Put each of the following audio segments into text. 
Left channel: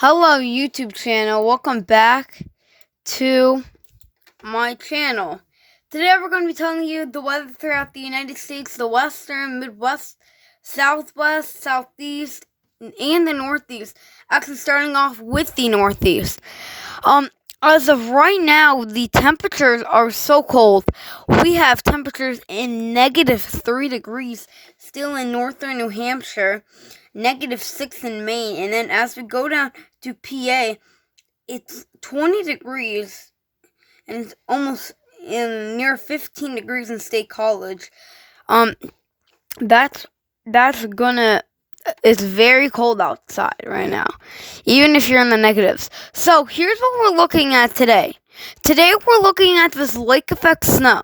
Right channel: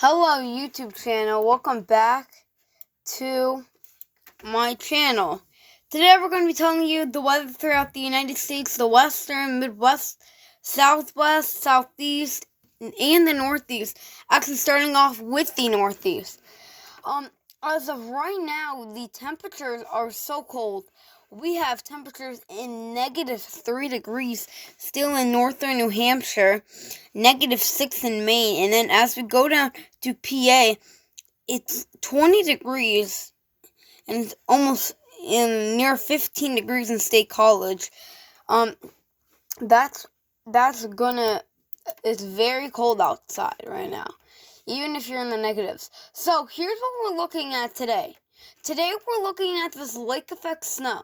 Hello, YouTube channel. Welcome back to my channel. Today we're going to be telling you the weather throughout the United States, the Western, Midwest, Southwest, Southeast, and the Northeast. Actually, starting off with the Northeast. As of right now, the temperatures are so cold. We have temperatures in -3 degrees still in northern New Hampshire, -6 in Maine, and then as we go down to PA, it's 20 degrees, and it's almost near 15 degrees in State College. That's gonna. It's very cold outside right now, even if you're in the negatives. So here's what we're looking at today. Today we're looking at this lake effect snow.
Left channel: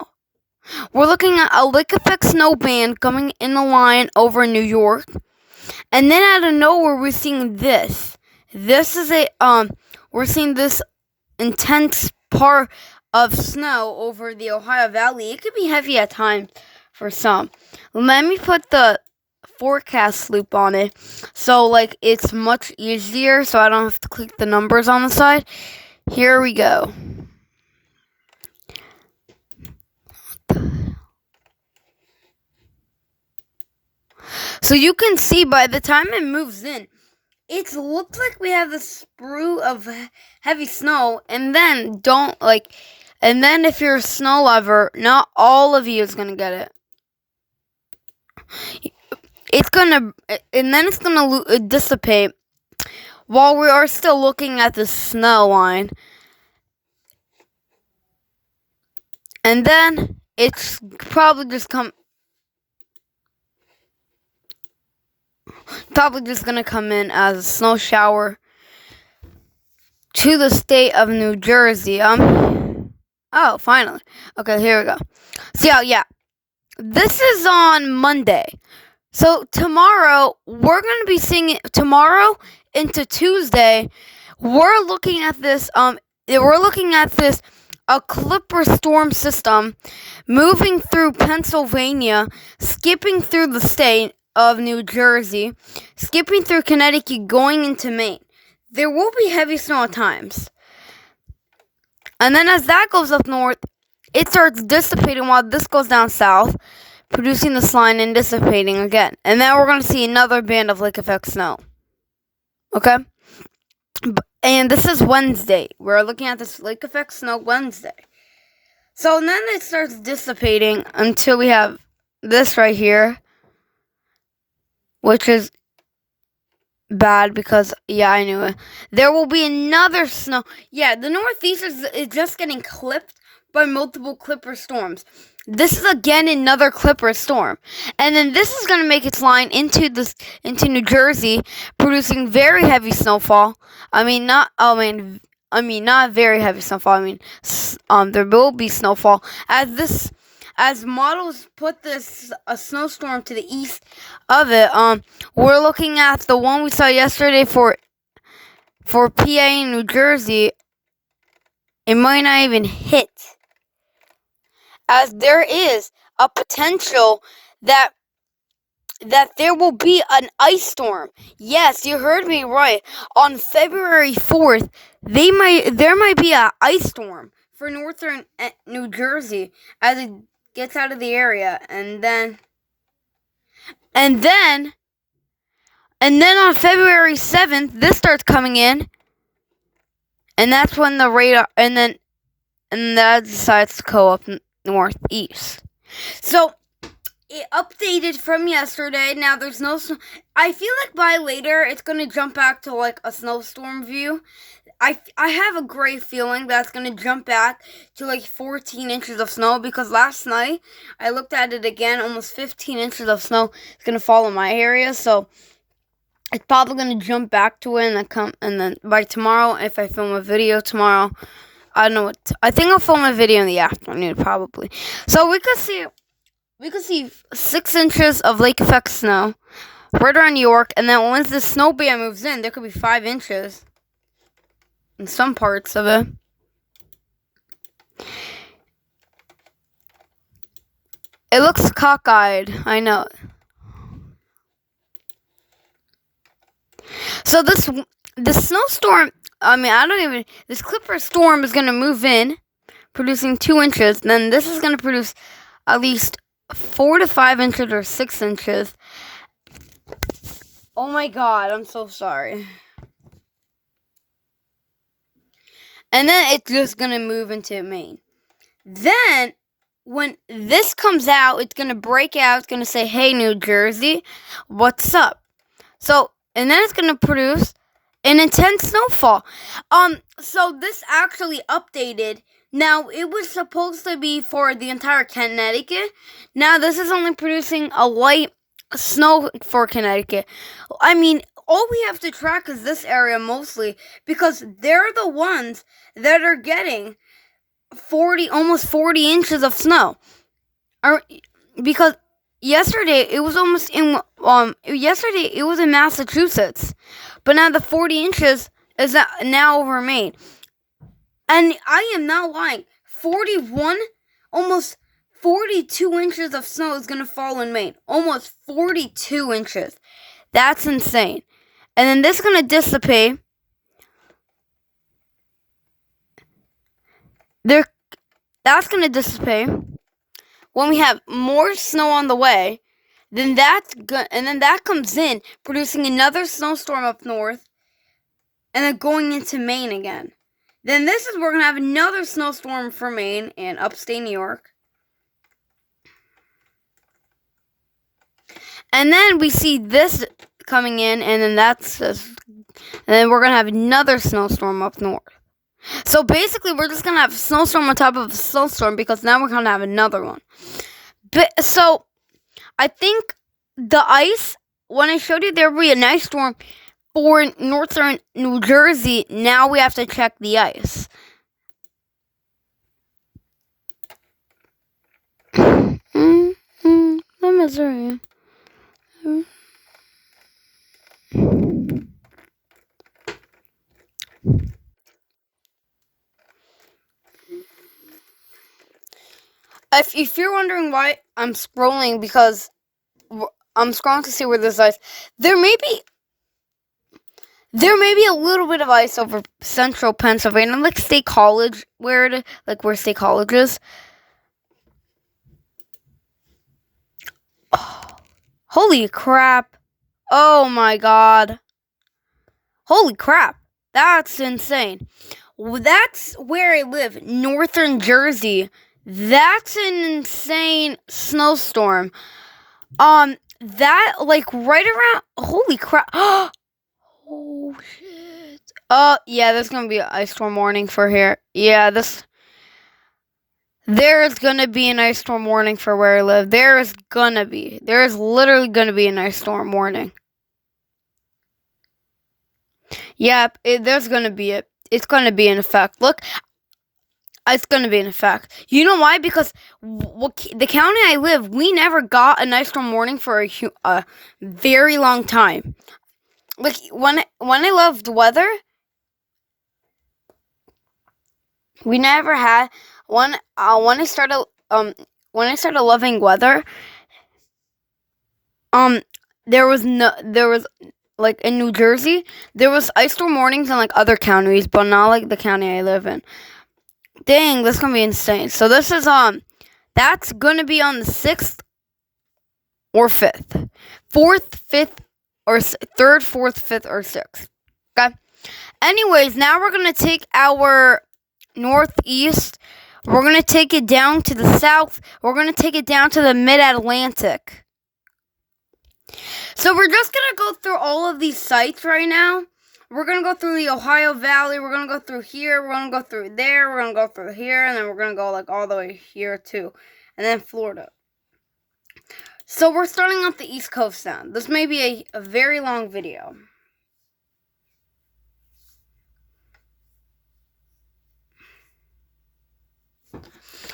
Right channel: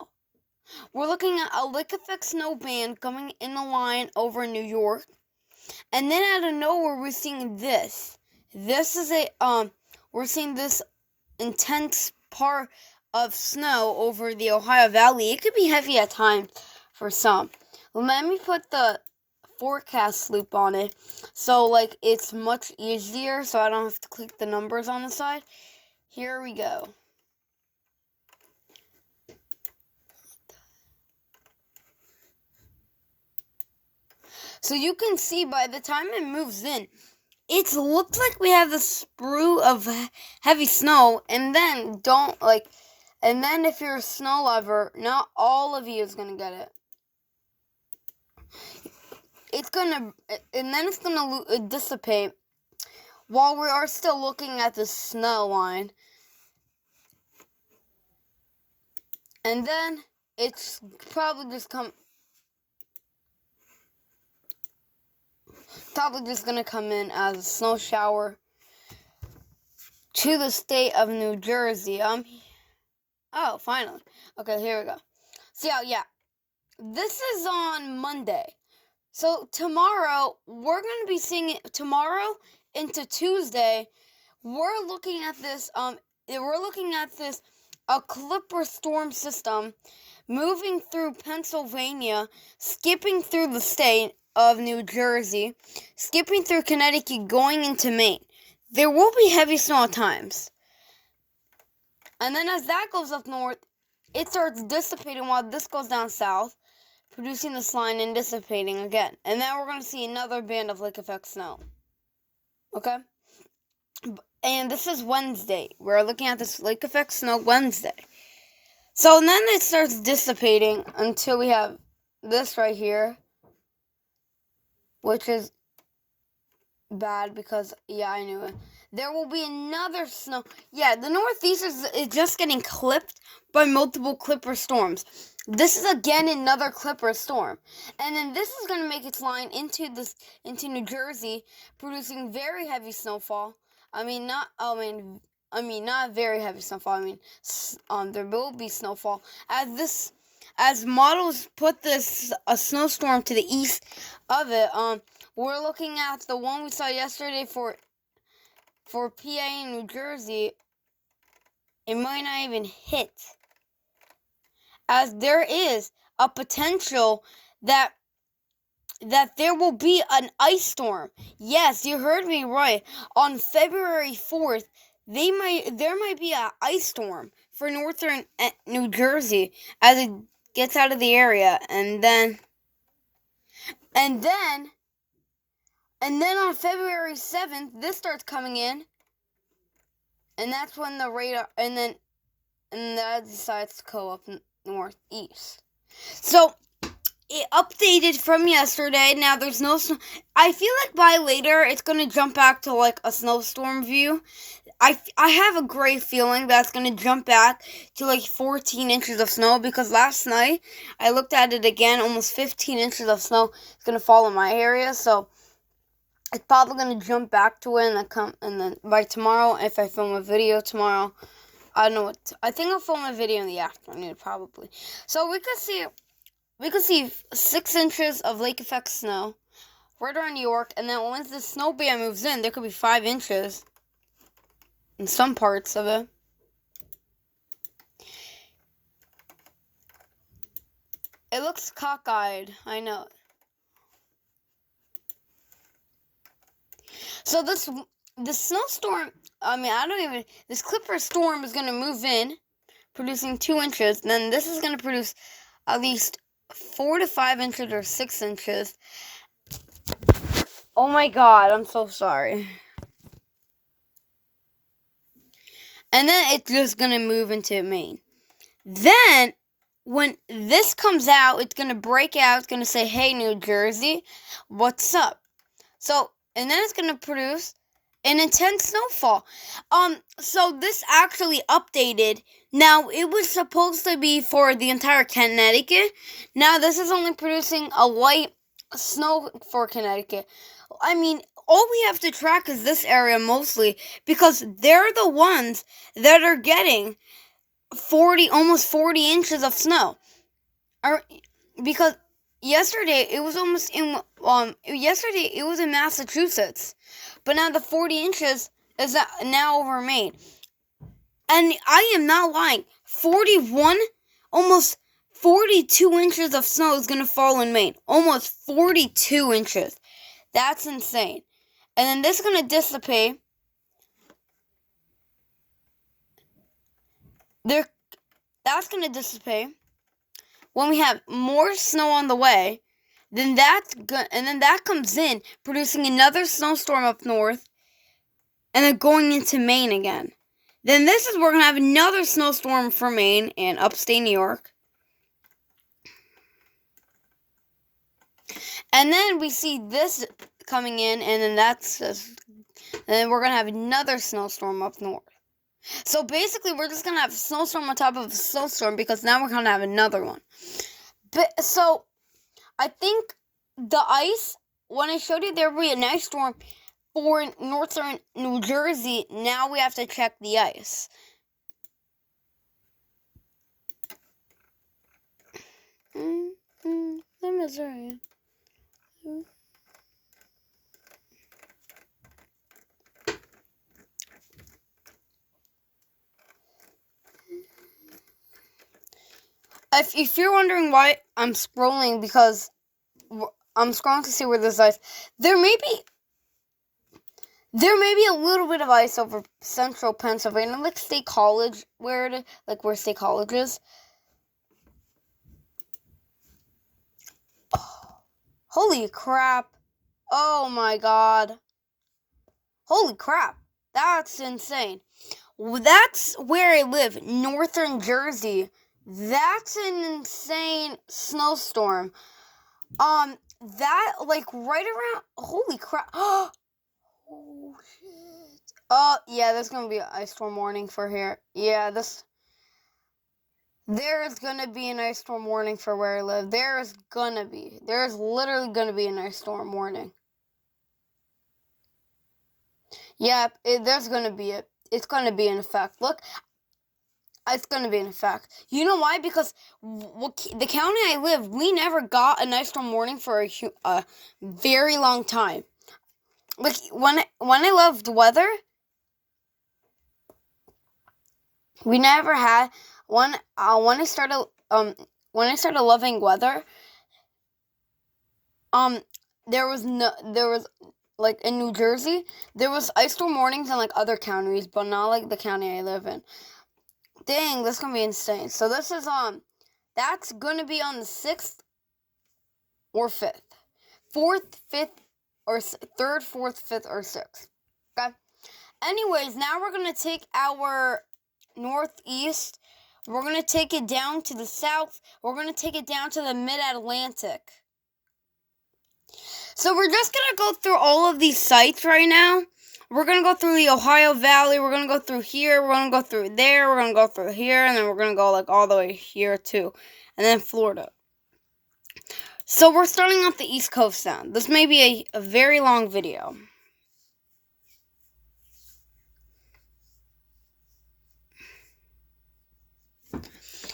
We're looking at a lake effect snow band coming in the line over New York. And then out of nowhere, we're seeing this. This is we're seeing this intense part of snow over the Ohio Valley. It could be heavy at times for some. Let me put the forecast loop on it, so like it's much easier, so I don't have to click the numbers on the side. Here we go. So you can see by the time it moves in, it looks like we have a sprue of heavy snow, and then if you're a snow lover, not all of you is gonna get it. It's gonna dissipate while we are still looking at the snow line, and then it's probably just gonna come in as a snow shower to the state of New Jersey. Oh, finally. Okay, here we go. So yeah, this is on Monday. So tomorrow we're gonna be seeing it. Tomorrow into Tuesday, we're looking at this. A Clipper storm system moving through Pennsylvania, skipping through the state of New Jersey, skipping through Connecticut, going into Maine. There will be heavy snow at times. And then as that goes up north, it starts dissipating while this goes down south, producing this line and dissipating again. And then we're going to see another band of lake effect snow. Okay? And this is Wednesday. We're looking at this lake effect snow Wednesday. So then it starts dissipating until we have this right here, which is bad because, yeah, I knew it. There will be another snow. Yeah, the Northeast is just getting clipped by multiple Clipper storms. This is again another Clipper storm. And then this is going to make its line into New Jersey, producing very heavy snowfall. Not very heavy snowfall. There will be snowfall as models put a snowstorm to the east of it. We're looking at the one we saw yesterday for PA and New Jersey. It might not even hit, as there is a potential that there will be an ice storm. Yes, you heard me right. On February 4th, there might be an ice storm for northern New Jersey as it gets out of the area, and then on February 7th, this starts coming in, and that's when the radar and that decides to go up northeast. So it updated from yesterday. Now there's no snow. I feel like by later it's gonna jump back to like a snowstorm view. I have a great feeling that's gonna jump back to like 14 inches of snow, because last night I looked at it again. Almost 15 inches of snow is gonna fall in my area, so it's probably gonna jump back to it, and then by tomorrow, if I film a video tomorrow, I don't know what. I think I'll film a video in the afternoon probably. So we could see 6 inches of lake effect snow right around New York, and then once the snow band moves in, there could be 5 inches in some parts of it. It looks cockeyed, I know. So the snowstorm, this Clipper storm is going to move in, producing 2 inches. Then this is going to produce at least 4 to 5 inches or 6 inches. Oh my god, I'm so sorry. And then it's just going to move into Maine. Then, when this comes out, it's going to break out. It's going to say, hey, New Jersey, what's up? So, and then it's going to produce an intense snowfall. So this actually updated. Now, it was supposed to be for the entire Connecticut. Now, this is only producing a light snow for Connecticut. I mean, all we have to track is this area mostly, because they're the ones that are getting almost 40 inches of snow. Because yesterday it was in Massachusetts, but now the 40 inches is now over Maine. And I am not lying. 41, almost 42 inches of snow is going to fall in Maine. Almost 42 inches. That's insane. And then this is going to dissipate. That's going to dissipate when we have more snow on the way. And then that comes in, producing another snowstorm up north, and then going into Maine again. Then this is where we're going to have another snowstorm for Maine and upstate New York. And then we see this coming in, and then we're going to have another snowstorm up north. So basically, we're just going to have a snowstorm on top of a snowstorm, because now we're going to have another one. So, I think the ice, when I showed you there would be an ice storm for northern New Jersey, now we have to check the ice. Missouri. If you're wondering why I'm scrolling, because I'm scrolling to see where there's ice. There may be a little bit of ice over central Pennsylvania, like State College, where State College is. Oh, holy crap. Oh my god. Holy crap. That's insane. That's where I live, northern Jersey. That's an insane snowstorm. That, right around, holy crap. Oh, shit. Yeah, there's gonna be an ice storm warning for here. Yeah, there's gonna be an ice storm warning for where I live. There is literally gonna be an ice storm warning. Yep, there's gonna be it. It's gonna be in effect. Look, it's going to be in effect. You know why? Because the county I live, we never got an ice storm warning for a very long time. Like, when I loved weather, we never had when I started loving weather. There was like in New Jersey, there was ice storm warnings in like other counties, but not like the county I live in. Dang, that's gonna be insane. So this is that's gonna be on the 6th or 5th, 4th, 5th, or 3rd, 4th, 5th, or 6th. Okay. Anyways, now we're gonna take our northeast. We're gonna take it down to the south. We're gonna take it down to the mid-Atlantic. So we're just gonna go through all of these sites right now. We're going to go through the Ohio Valley. We're going to go through here. We're going to go through there. We're going to go through here. And then we're going to go like all the way here too. And then Florida. So we're starting off the East Coast now. This may be a very long video.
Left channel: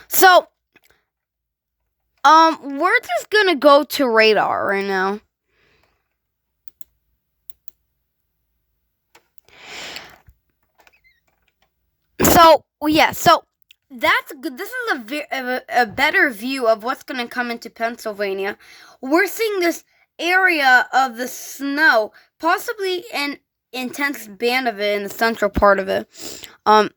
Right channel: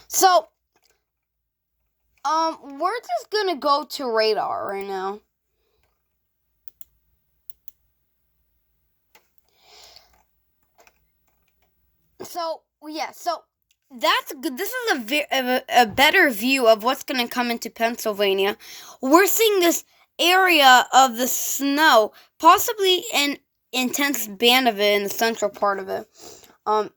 So, we're just going to go to radar right now. So, yeah, so that's good. This is a better view of what's going to come into Pennsylvania. We're seeing this area of the snow, possibly in intense band of it in the central part of it. And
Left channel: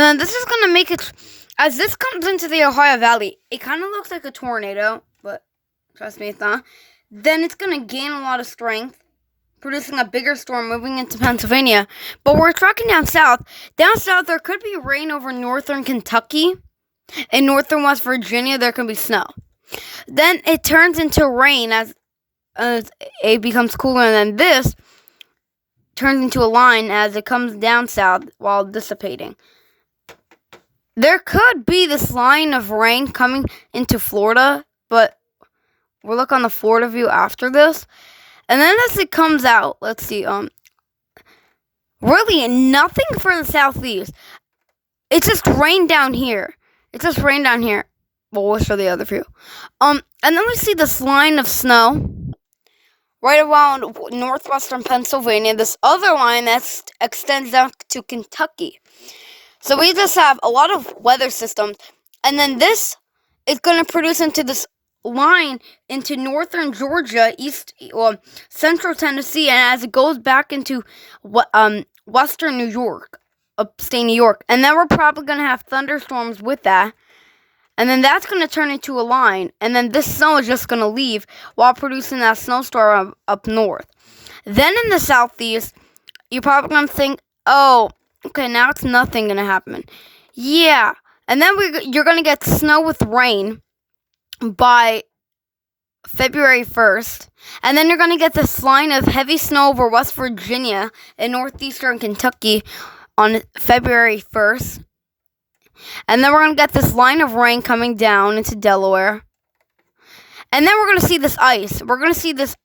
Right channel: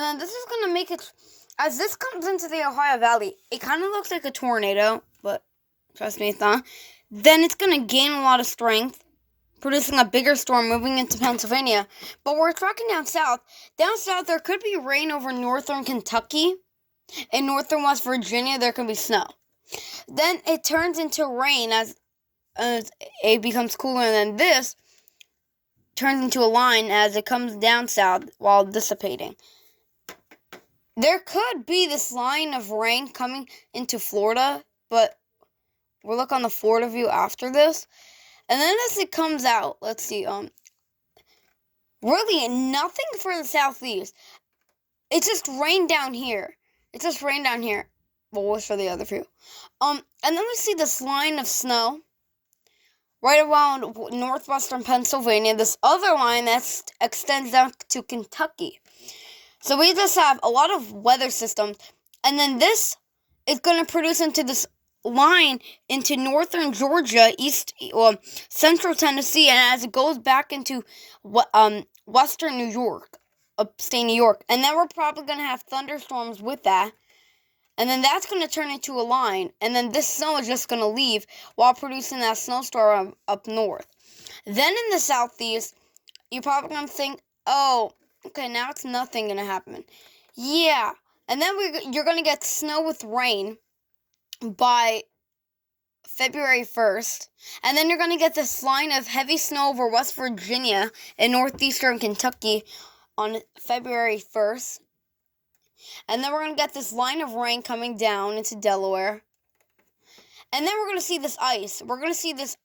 then this is going to make it, as this comes into the Ohio Valley, it kind of looks like a tornado, but trust me, it's not. Then it's going to gain a lot of strength, producing a bigger storm moving into Pennsylvania. But we're tracking down south. Down south, there could be rain over northern Kentucky. In northern West Virginia, there could be snow. Then it turns into rain as it becomes cooler, and then this turns into a line as it comes down south while dissipating. There could be this line of rain coming into Florida, but we'll look on the Florida view after this. And then as it comes out, let's see, really nothing for the southeast. It's just rain down here. Well, we'll show the other view. And then we see this line of snow right around northwestern Pennsylvania. This other line that extends down to Kentucky. So we just have a lot of weather systems, and then this is going to produce into this line into northern Georgia, central Tennessee, and as it goes back into western New York, upstate New York, and then we're probably going to have thunderstorms with that, and then that's going to turn into a line, and then this snow is just going to leave while producing that snowstorm up north. Then in the southeast, you're probably going to think, oh, okay, now it's nothing going to happen. Yeah. And then you're going to get snow with rain by February 1st. And then you're going to get this line of heavy snow over West Virginia and northeastern Kentucky on February 1st. And then we're going to get this line of rain coming down into Delaware. And then we're going to see this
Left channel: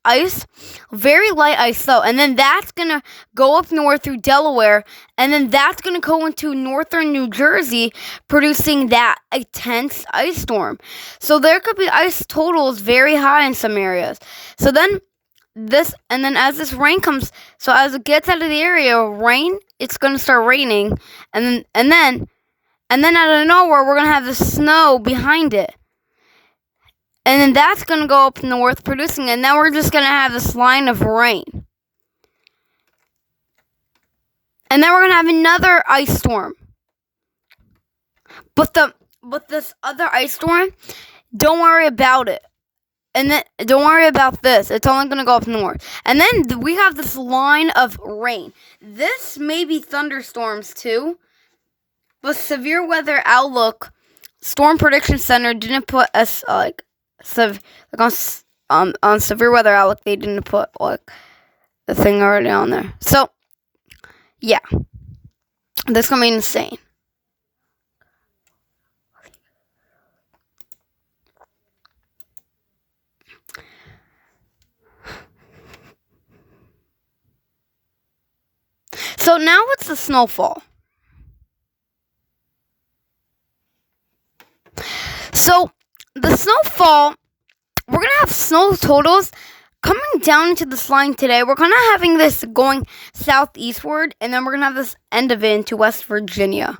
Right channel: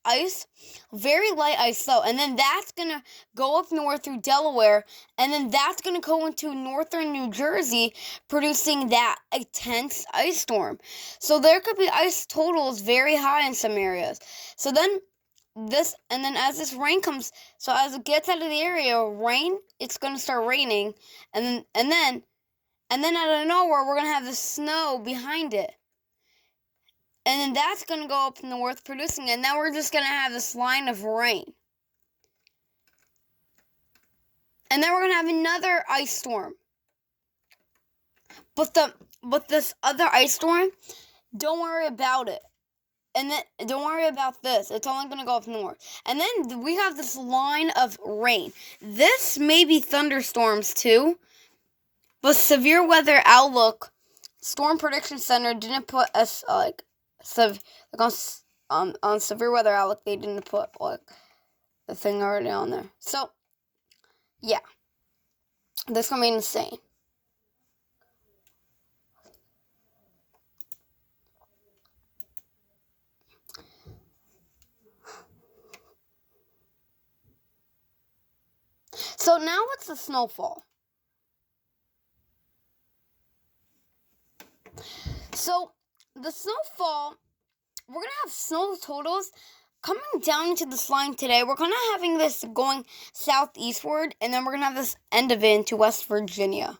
ice. Very light ice though. And then that's going to go up north through Delaware. And then that's going to go into northern New Jersey, producing that intense ice storm. So there could be ice totals very high in some areas. So then as this rain comes, so as it gets out of the area, it's going to start raining. And then out of nowhere, we're going to have the snow behind it. And then that's going to go up north producing, and then we're just going to have this line of rain. And then we're going to have another ice storm. But this other ice storm, don't worry about it. And then don't worry about this. It's only going to go up north. And then we have this line of rain. This may be thunderstorms too. But Severe Weather Outlook Storm Prediction Center didn't put us on Severe Weather Outlook, they didn't put the thing already on there. So yeah, that's gonna be insane. So now what's the snowfall? So the snowfall, we're going to have snow totals coming down into this line today. We're kind of having this going southeastward, and then we're going to have this end of it into West Virginia.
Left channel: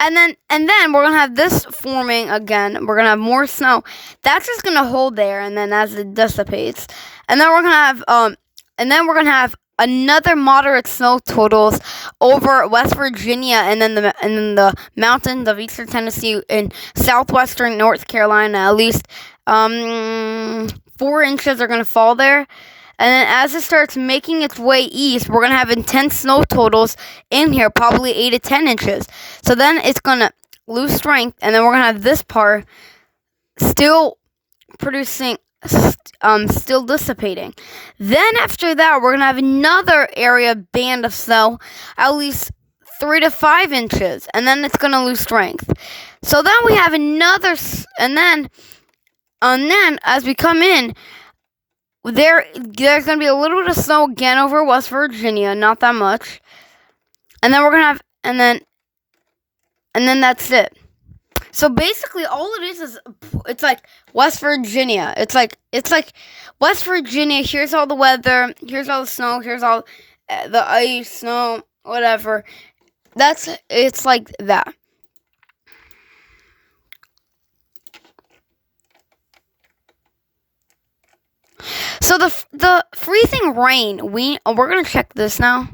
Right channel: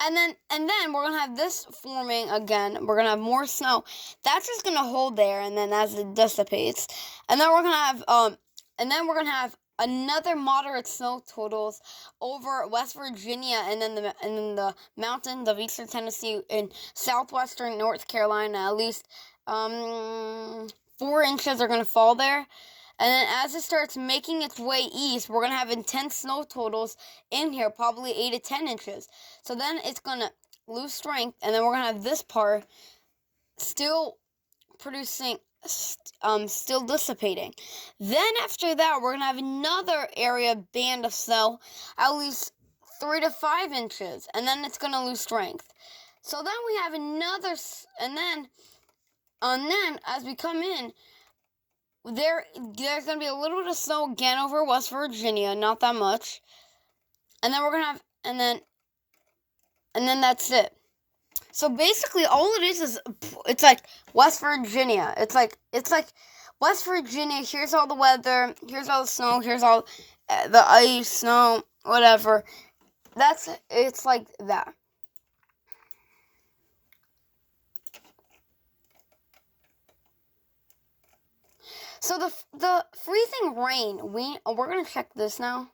And then we're going to have this forming again. We're going to have more snow. That's just going to hold there, and then as it dissipates. And then we're going to have another moderate snow totals over West Virginia, and then the mountains of eastern Tennessee and southwestern North Carolina. At least 4 inches are going to fall there. And then as it starts making its way east, we're going to have intense snow totals in here, probably 8 to 10 inches. So then it's going to lose strength, and then we're going to have this part still producing, still dissipating. Then after that, we're going to have another area band of snow, at least 3 to 5 inches, and then it's going to lose strength. So then we have another, and then as we come in, there's going to be a little bit of snow again over West Virginia, not that much. And then we're going to have, and then that's it. So basically, all it is it's like West Virginia. It's like West Virginia. Here's all the weather. Here's all the snow. Here's all the ice, snow, whatever. It's like that. So the freezing rain. We're gonna check this now.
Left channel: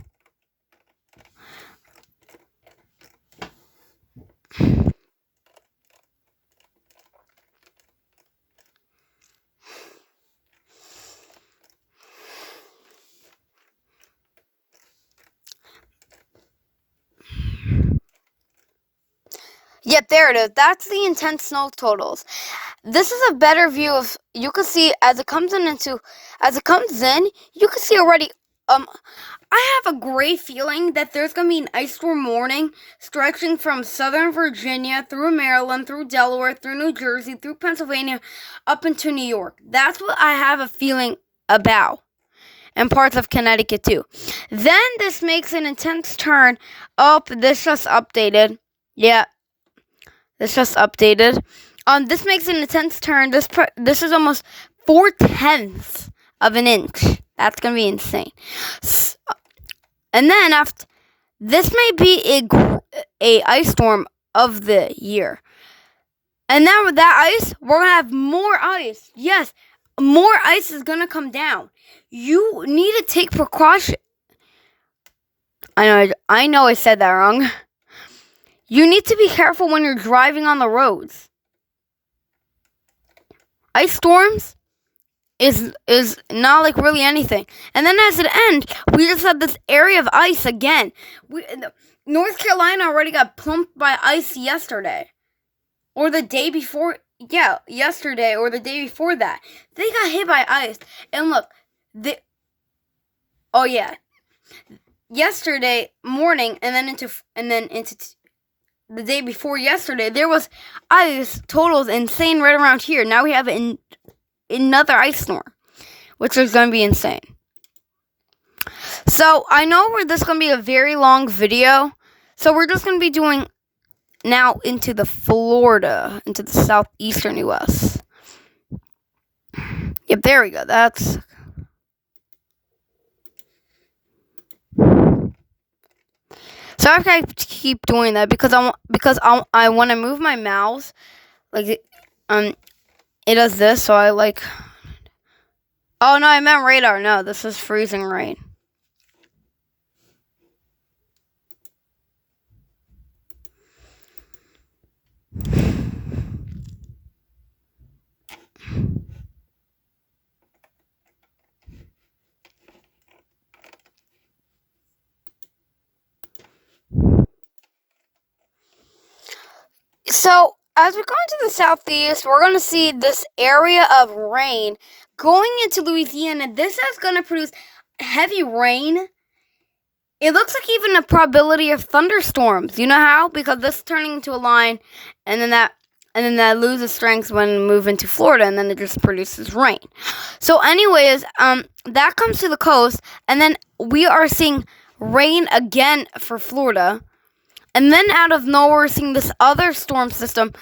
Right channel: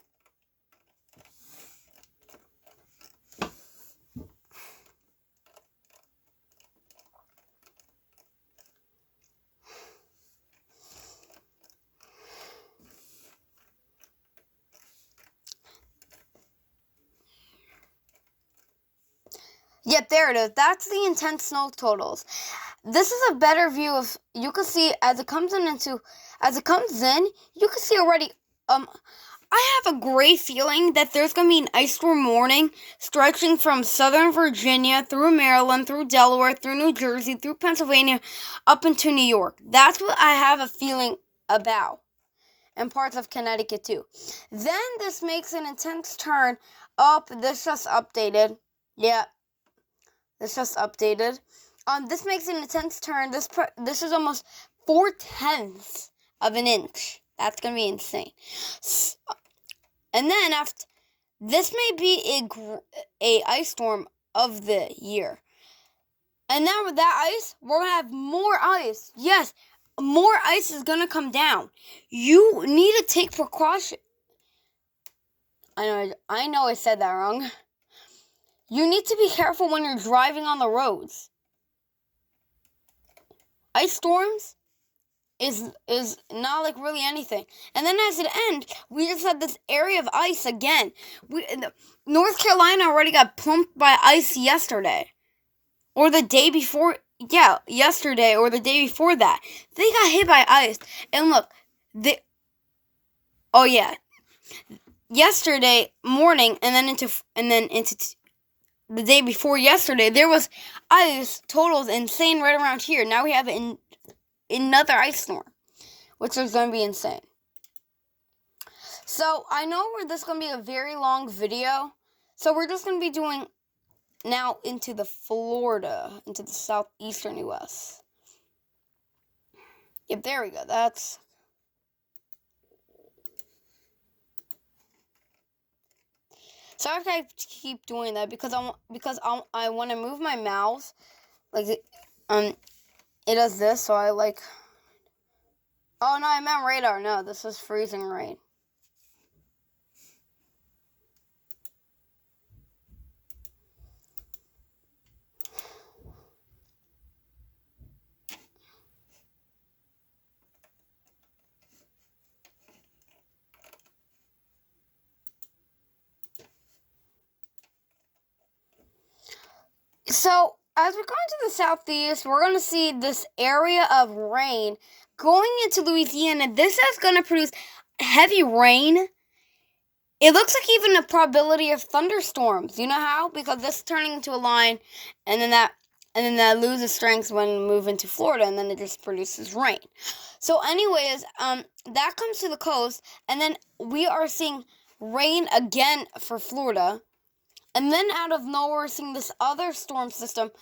Yep, there it is. That's the intense snow totals. This is a better view of. You can see as it comes in. You can see already. I have a great feeling that there's gonna be an ice storm warning stretching from southern Virginia through Maryland, through Delaware, through New Jersey, through Pennsylvania, up into New York. That's what I have a feeling about. And parts of Connecticut too. Then this makes an intense turn up. This just updated. Yeah. This just updated. This makes an intense turn. This is almost 4/10 of an inch. That's gonna be insane. And then after this may be a ice storm of the year. And then with that ice, we're gonna have more ice. Yes, more ice is gonna come down. You need to take precaution. I know I said that wrong. You need to be careful when you're driving on the roads. Ice storms is not like really anything. And then as it ends, we just have this area of ice again. North Carolina already got plumped by ice yesterday. Or the day before. Yeah, yesterday or the day before that. They got hit by ice. And look, yesterday morning and then into the day before yesterday, there was ice totals insane right around here. Now we have another ice storm, which is going to be insane. So I know this is going to be a very long video. So we're just going to be doing now into the Florida, into the southeastern U.S. Yep, there we go. That's... So I have to keep doing that because I want to move my mouse, like it does this. So I like. Oh no, I meant radar. No, this is freezing rain. So, as we're going to the southeast, we're going to see this area of rain going into Louisiana. This is going to produce heavy rain. It looks like even a probability of thunderstorms. You know how? Because this is turning into a line, and then that loses strength when we move into Florida, and then it just produces rain. So, anyways, that comes to the coast, and then we are seeing rain again for Florida. And then out of nowhere, we're seeing this other storm system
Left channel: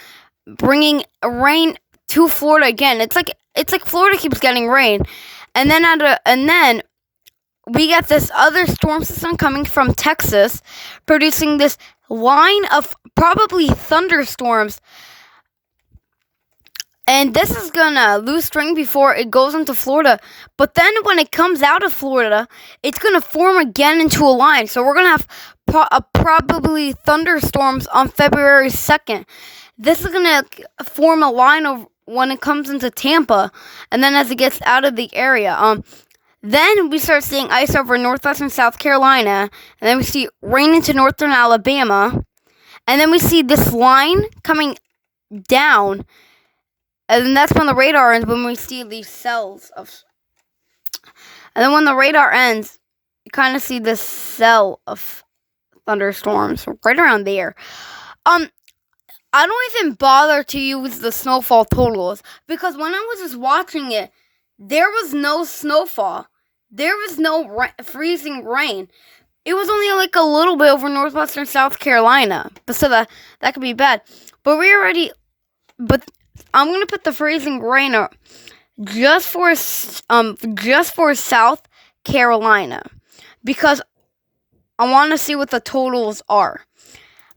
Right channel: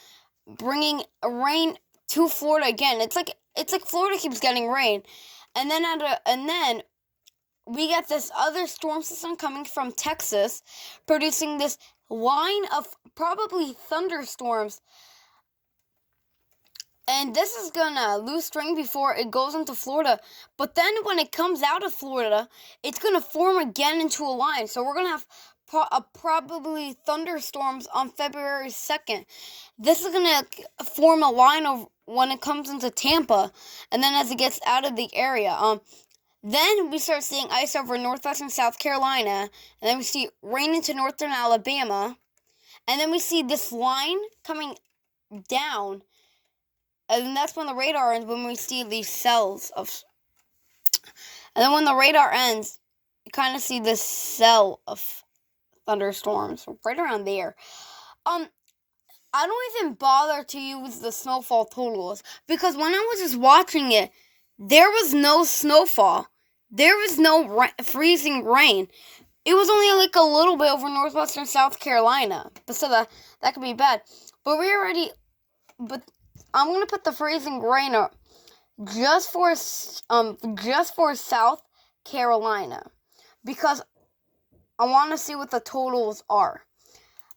bringing rain to Florida again. It's like Florida keeps getting rain, and then we get this other storm system coming from Texas, producing this line of probably thunderstorms. And this is gonna lose strength before it goes into Florida. But then when it comes out of Florida, it's gonna form again into a line. So we're gonna have probably thunderstorms on February 2nd. This is gonna form a line of when it comes into Tampa, and then as it gets out of the area. Then we start seeing ice over northwestern South Carolina, and then we see rain into northern Alabama, and then we see this line coming down. And then that's when the radar ends, when we see these cells of... And then when the radar ends, you kind of see this cell of thunderstorms right around there. I don't even bother to use the snowfall totals, because when I was just watching it, there was no snowfall. There was no freezing rain. it was only like a little bit over northwestern South Carolina. But so that could be bad. But I'm gonna put the freezing rain just for South Carolina, because I want to see what the totals are.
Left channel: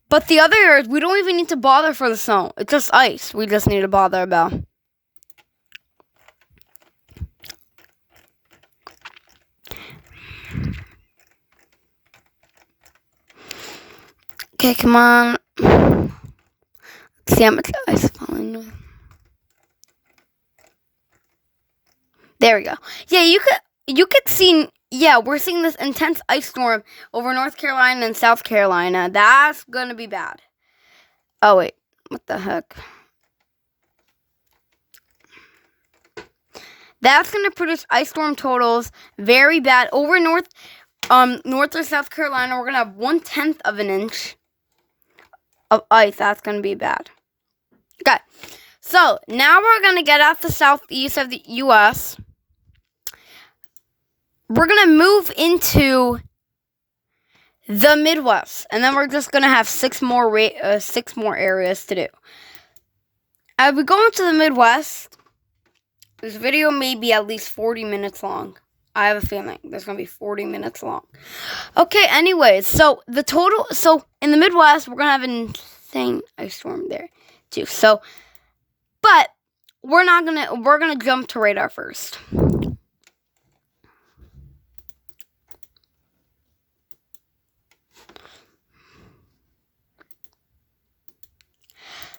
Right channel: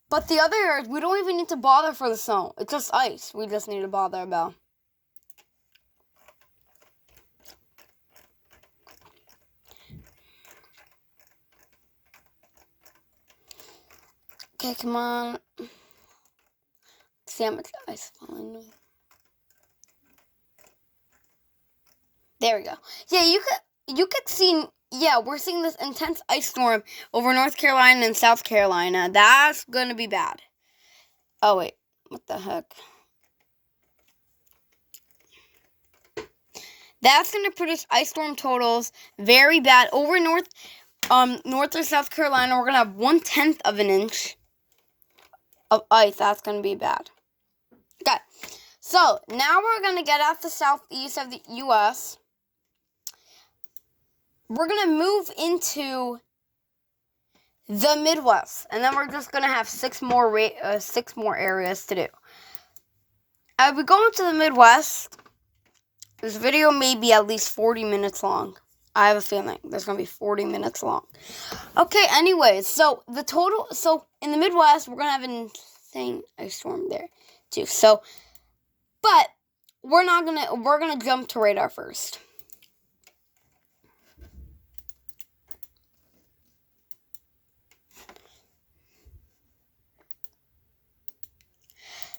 But the other areas, we don't even need to bother for the snow. It's just ice. We just need to bother about. Okay, come on. Let's see how much ice is falling. There we go. Yeah, you could see. Yeah, we're seeing this intense ice storm over North Carolina and South Carolina. That's gonna be bad. Oh wait, what the heck? That's gonna produce ice storm totals very bad over North or South Carolina. We're gonna have 1/10 of an inch of ice. That's gonna be bad. Okay, so now we're gonna get out the southeast of the U.S. We're going to move into the Midwest, and then we're just going to have 6 more areas to do. As we go into the Midwest, this video may be at least 40 minutes long. I have a feeling there's going to be 40 minutes long. Okay, anyways, so in the Midwest, we're going to have an insane ice storm there too. But we're going to jump to radar first.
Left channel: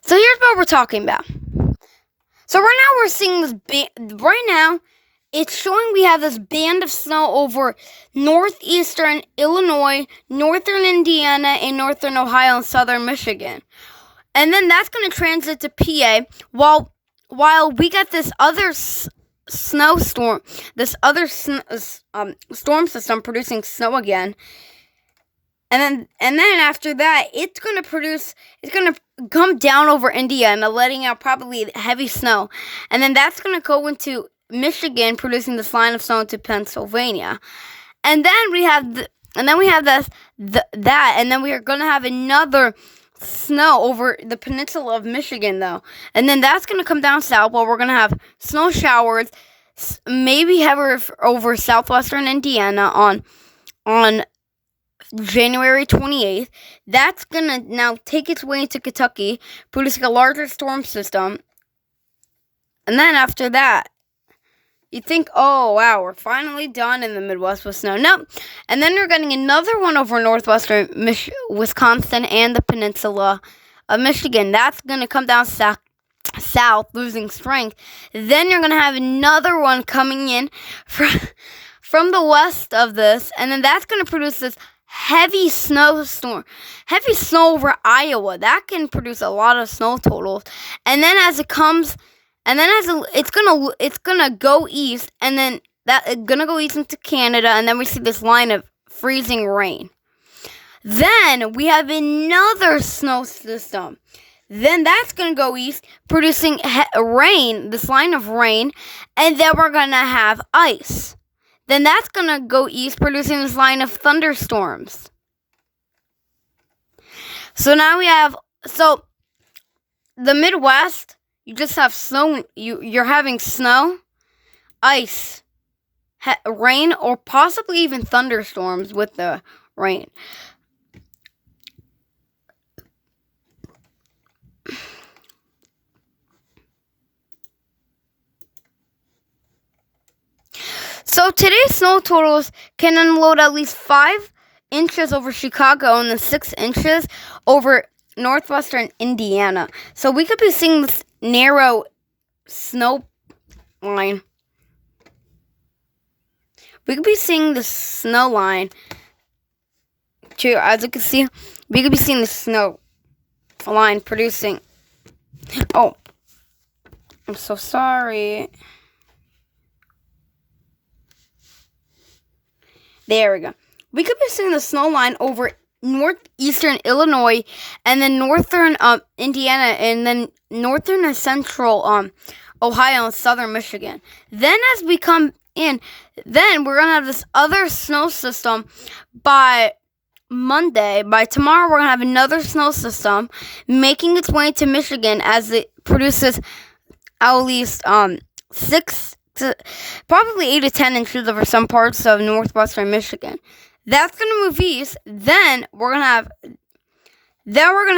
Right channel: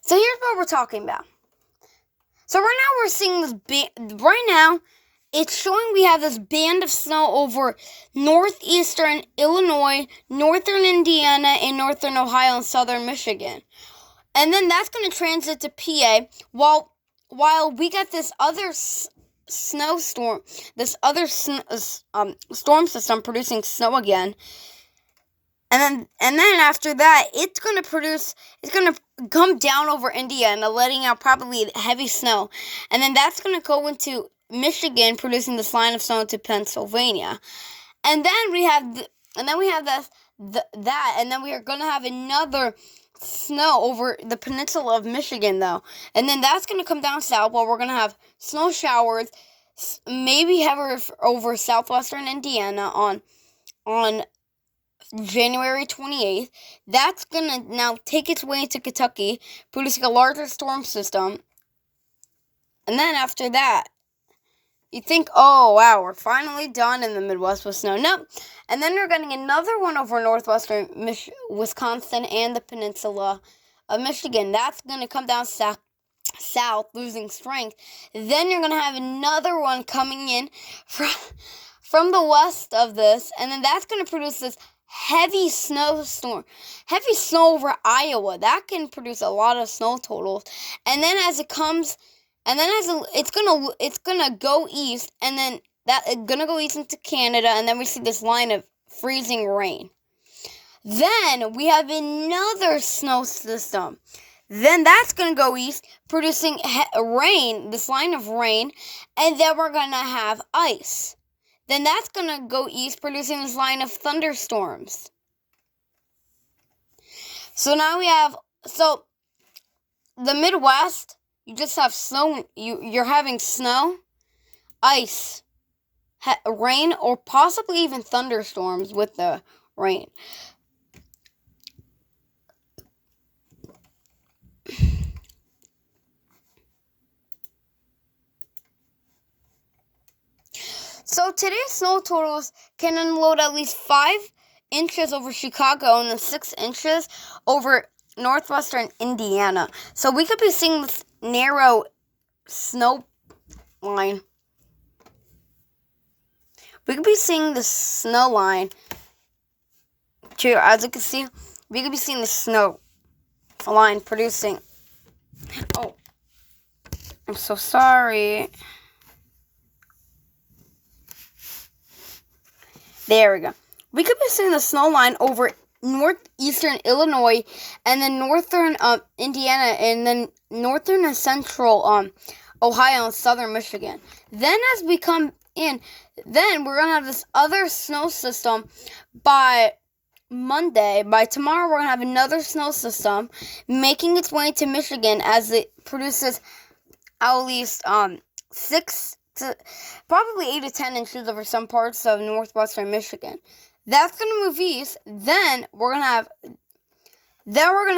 So here's what we're talking about. So right now we're seeing this right now it's showing we have this band of snow over northeastern Illinois, northern Indiana, and northern Ohio and southern Michigan. And then that's going to transit to PA while we get this other snowstorm, this other storm system producing snow again. And then after that, it's going to come down over Indiana, letting out probably heavy snow. And then that's going to go into Michigan, producing this line of snow into Pennsylvania. And then we have and then we are going to have another snow over the peninsula of Michigan, though. And then that's going to come down south, while we're going to have snow showers, maybe heavier over southwestern Indiana on January 28th. That's going to now take its way into Kentucky, producing a larger storm system. And then after that, you think, oh, wow, we're finally done in the Midwest with snow. No. And then we're getting another one over northwestern Wisconsin and the peninsula of Michigan. That's going to come down south, losing strength. Then you're going to have another one coming in from the west of this. And then that's going to produce this heavy snowstorm, heavy snow over Iowa. That can produce a lot of snow totals. And then it's gonna go east, and then it's gonna go east into Canada, and then we see this line of freezing rain. Then we have another snow system. Then that's gonna go east, producing rain, this line of rain, and then we're gonna have ice. Then that's going to go east, producing this line of thunderstorms. So now we have, the Midwest, you just have snow, you're having snow, ice, rain, or possibly even thunderstorms with the rain. So today's snow totals can unload at least 5 inches over Chicago and then 6 inches over northwestern Indiana. So we could be seeing this narrow snow line. We could be seeing the snow line. Too, as you can see, we could be seeing the snow line producing. Oh, I'm so sorry. There we go. We could be seeing the snow line over northeastern Illinois, and then northern Indiana, and then northern and central Ohio and southern Michigan. Then as we come and then we're gonna have this other snow system by Monday. By tomorrow, we're gonna have another snow system making its way to Michigan as it produces at least 6 to probably 8 to 10 inches over some parts of northwestern Michigan. That's gonna move east. Then we're gonna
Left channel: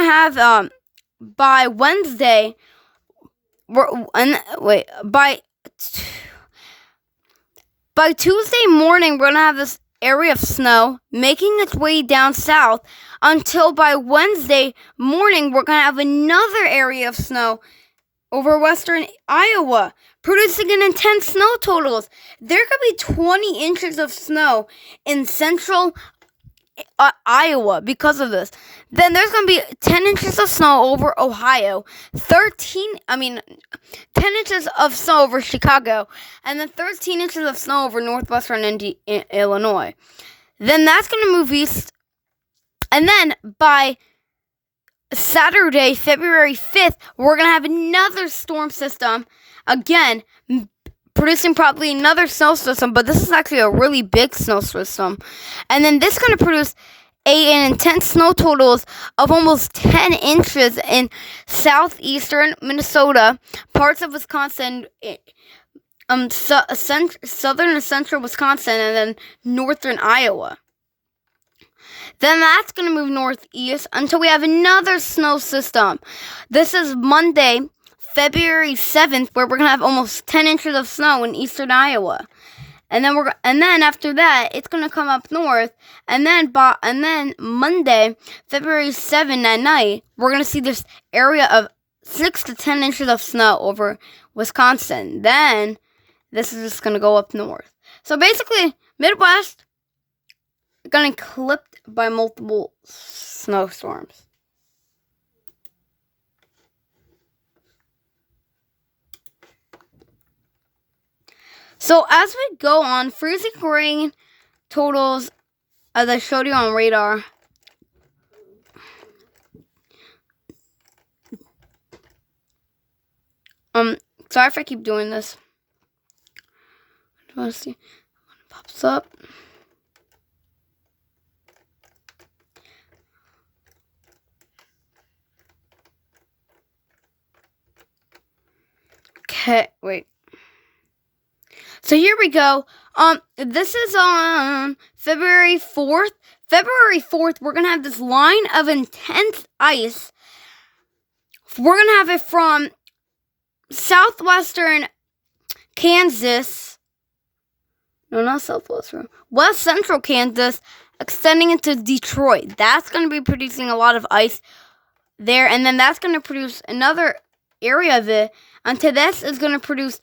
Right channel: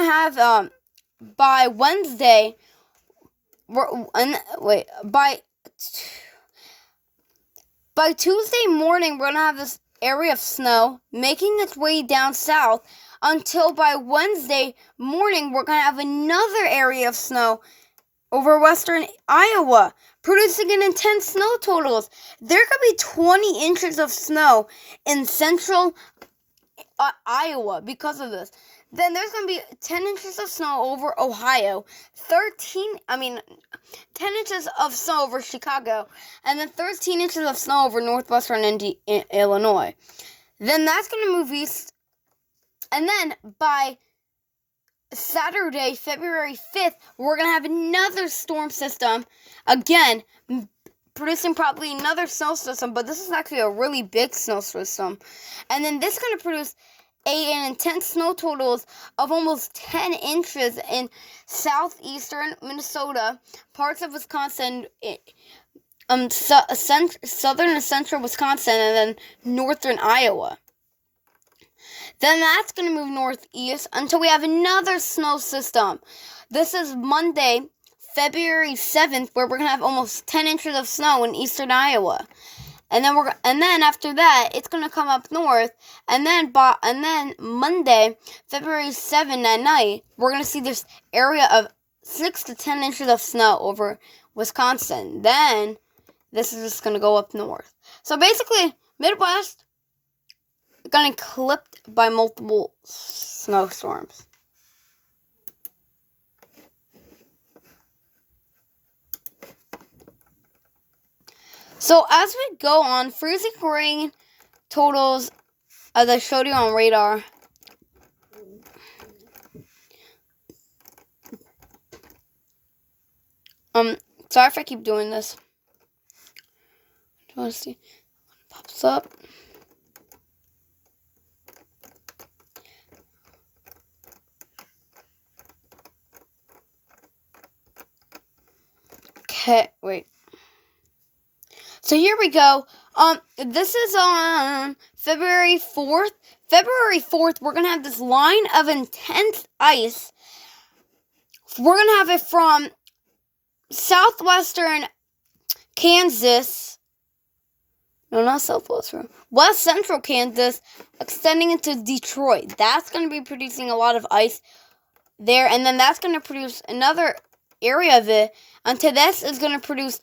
have by Wednesday. By Tuesday morning, we're gonna have this area of snow making its way down south until by Wednesday morning, we're gonna have another area of snow over western Iowa, producing an intense snow totals. There could be 20 inches of snow in central Iowa because of this. Then there's going to be 10 inches of snow over Ohio, 10 inches of snow over Chicago, and then 13 inches of snow over northwestern Illinois. Then that's going to move east. And then by Saturday, February 5th, we're going to have another storm system, again, producing probably another snow system, but this is actually a really big snow system. And then this is going to produce an intense snow totals of almost 10 inches in southeastern Minnesota, parts of Wisconsin, southern and central Wisconsin, and then northern Iowa. Then that's going to move northeast until we have another snow system. This is Monday, February 7th, where we're going to have almost 10 inches of snow in eastern Iowa. And then after that, it's going to come up north. And then Monday, February 7th at night, we're going to see this area of 6 to 10 inches of snow over Wisconsin. Then this is just going to go up north. So basically, Midwest going to clipped by multiple snowstorms. So as we go on, freezing rain totals, as I showed you on radar, sorry if I keep doing this. I want to see when it pops up. Okay, wait. So here we go. This is on February 4th. February 4th, we're going to have this line of intense ice. We're going to have it from southwestern Kansas. No, not southwestern. West central Kansas, extending into Detroit. That's going to be producing a lot of ice there. And then that's going to produce another area of it. Until this is going to produce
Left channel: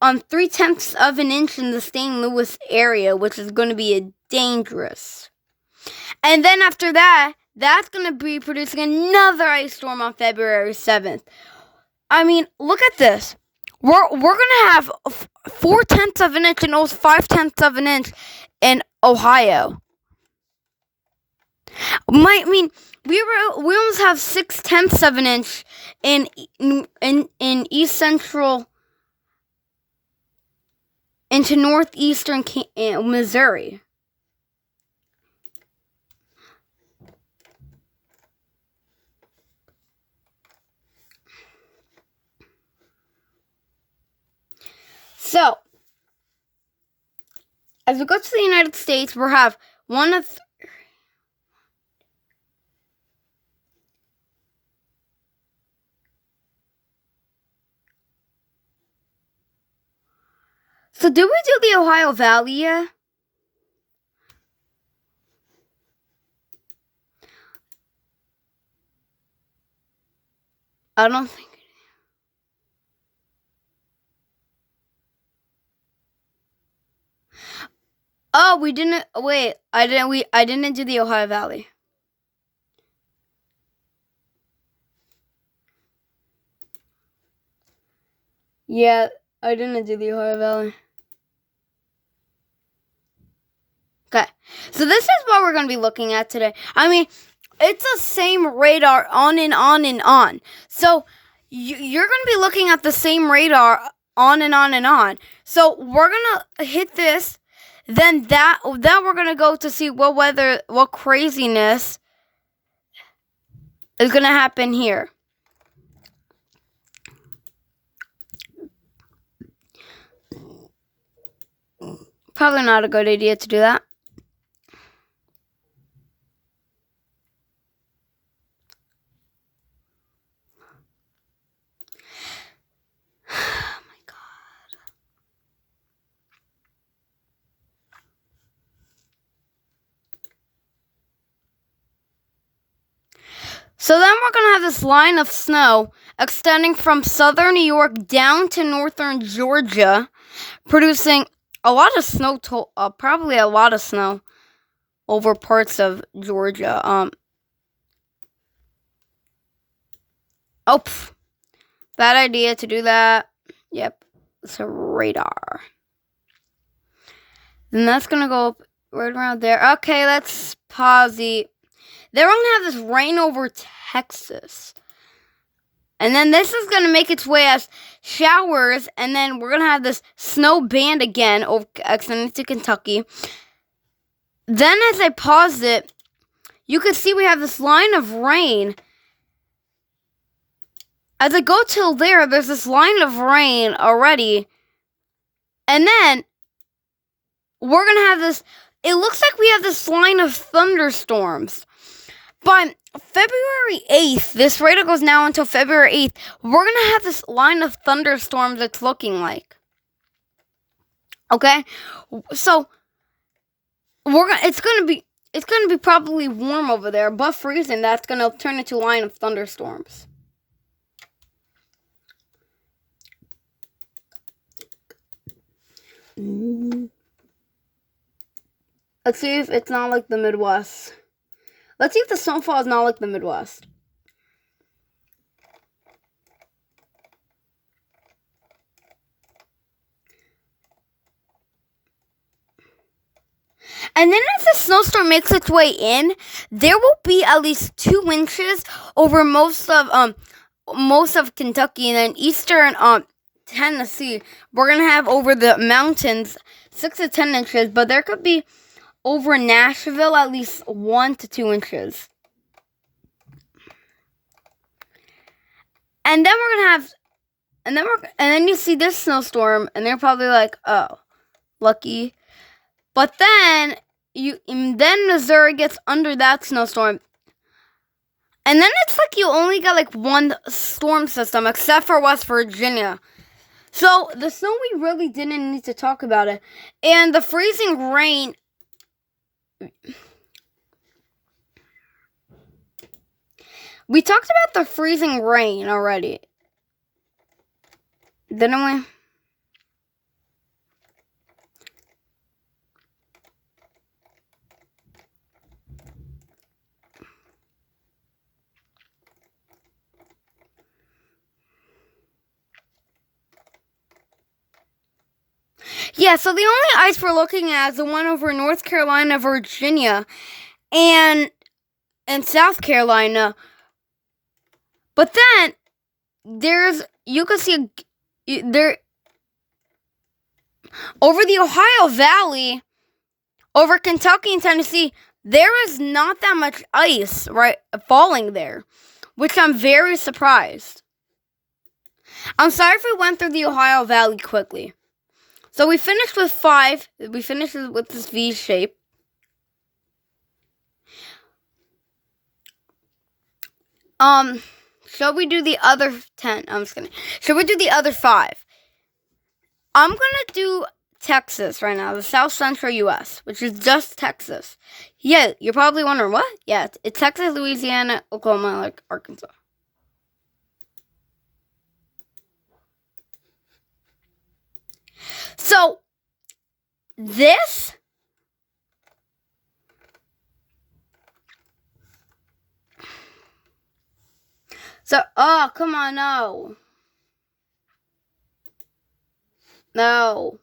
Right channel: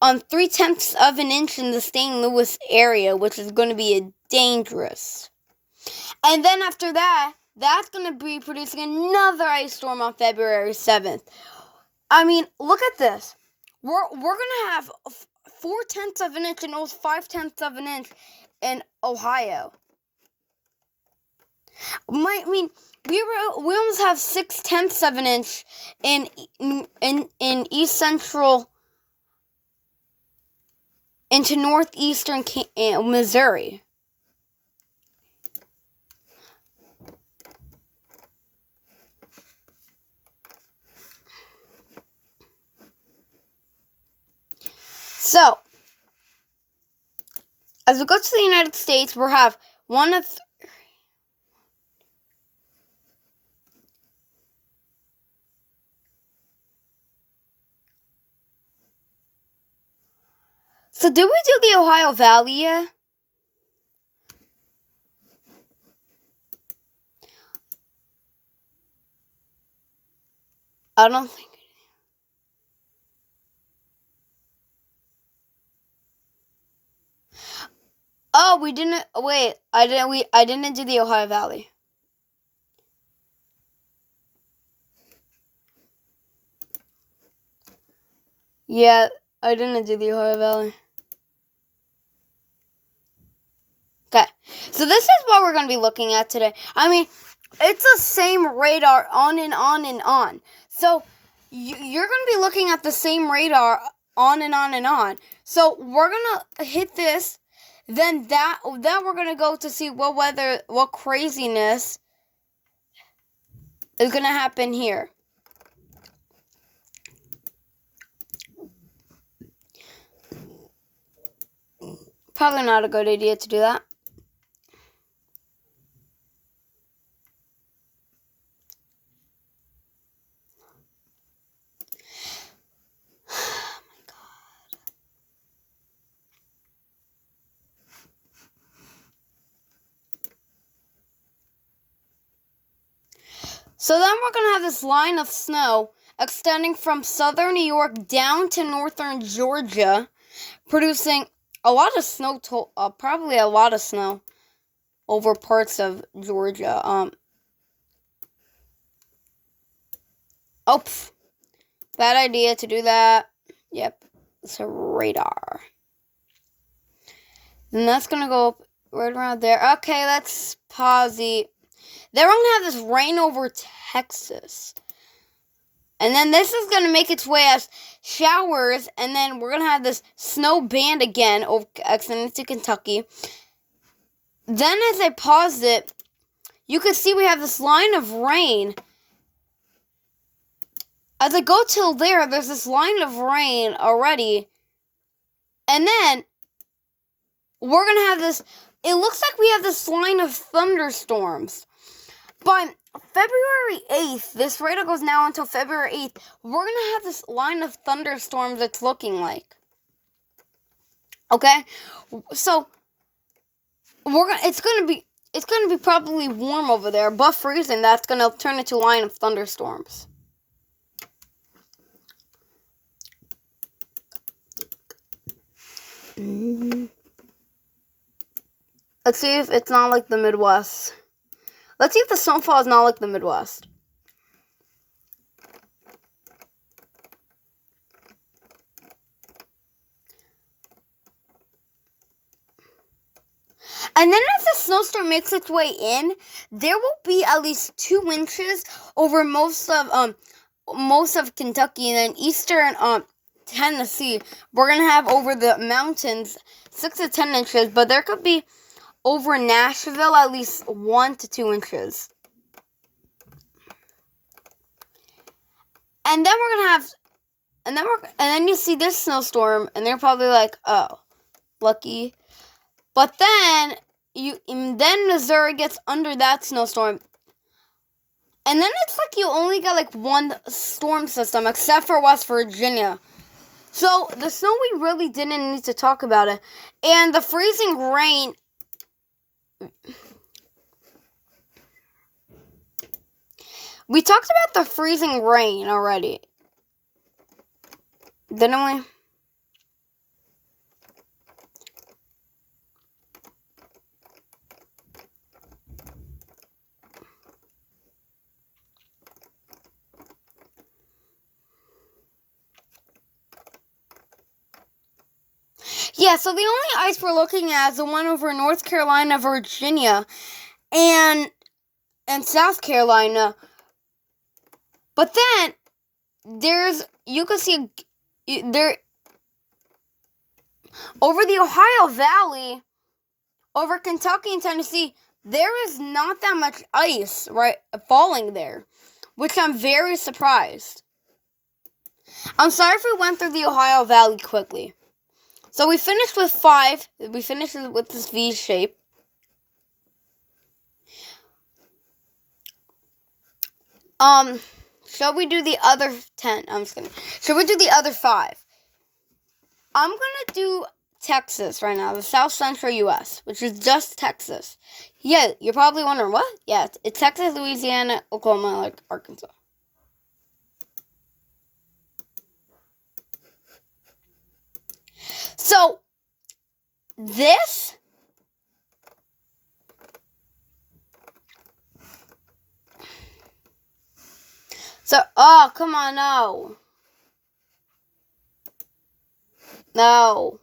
3/10 of an inch in the St. Louis area, which is going to be dangerous. And then after that, that's going to be producing another ice storm on February 7th. I mean, look at this. We're going to have 4/10 of an inch and almost 5/10 of an inch in Ohio. We almost have 6/10 of an inch in east central into northeastern Missouri. So, as we go to the United States, we'll have one of So did we do the Ohio Valley yet? I don't think. Oh, we didn't. Wait, I didn't do the Ohio Valley. Yeah, I didn't do the Ohio Valley. Okay, so this is what we're going to be looking at today. I mean, it's the same radar on and on and on. So you're going to be looking at the same radar on and on and on. So we're gonna hit this, then we're gonna go to see what craziness is gonna happen here. Probably not a good idea to do that. So then we're going to have this line of snow extending from southern New York down to northern Georgia, producing a lot of snow, probably a lot of snow over parts of Georgia. Bad idea to do that. Yep, it's a radar. And that's going to go up right around there. Okay, let's pause it. They're going to have this rain over Texas. And then this is going to make its way as showers. And then we're going to have this snow band again extending to Kentucky. Then as I pause it, you can see we have this line of rain. As I go till there's this line of rain already. And then we're going to have this, it looks like we have this line of thunderstorms. But February 8th, this radar goes now until February 8th, we're going to have this line of thunderstorms it's looking like. Okay? So, it's going to be probably warm over there, above freezing. That's going to turn into a line of thunderstorms. Let's see if it's not like the Midwest. Let's see if the snowfall is not like the Midwest. And then as the snowstorm makes its way in, there will be at least 2 inches over most of Kentucky, and then eastern Tennessee. We're gonna have over the mountains 6 to 10 inches, but there could be over Nashville at least 1 to 2 inches. And then we're gonna have, and then you see this snowstorm, and they're probably like, oh, lucky. But then Missouri gets under that snowstorm. And then it's like you only got like 1 storm system, except for West Virginia. So the snow, we really didn't need to talk about it. And the freezing rain, we talked about the freezing rain already, didn't we? Yeah, so the only ice we're looking at is the one over North Carolina, Virginia, and South Carolina. But then you can see there over the Ohio Valley, over Kentucky and Tennessee, there is not that much ice falling there, which I'm very surprised. I'm sorry if we went through the Ohio Valley quickly. So we finished with 5. We finished with this V shape. Shall we do the other 10? I'm just kidding. Shall we do the other 5? I'm going to do Texas right now, the South Central U.S., which is just Texas. Yeah, you're probably wondering, what? Yeah, it's Texas, Louisiana, Oklahoma, like Arkansas. So, this oh, come on, no. No.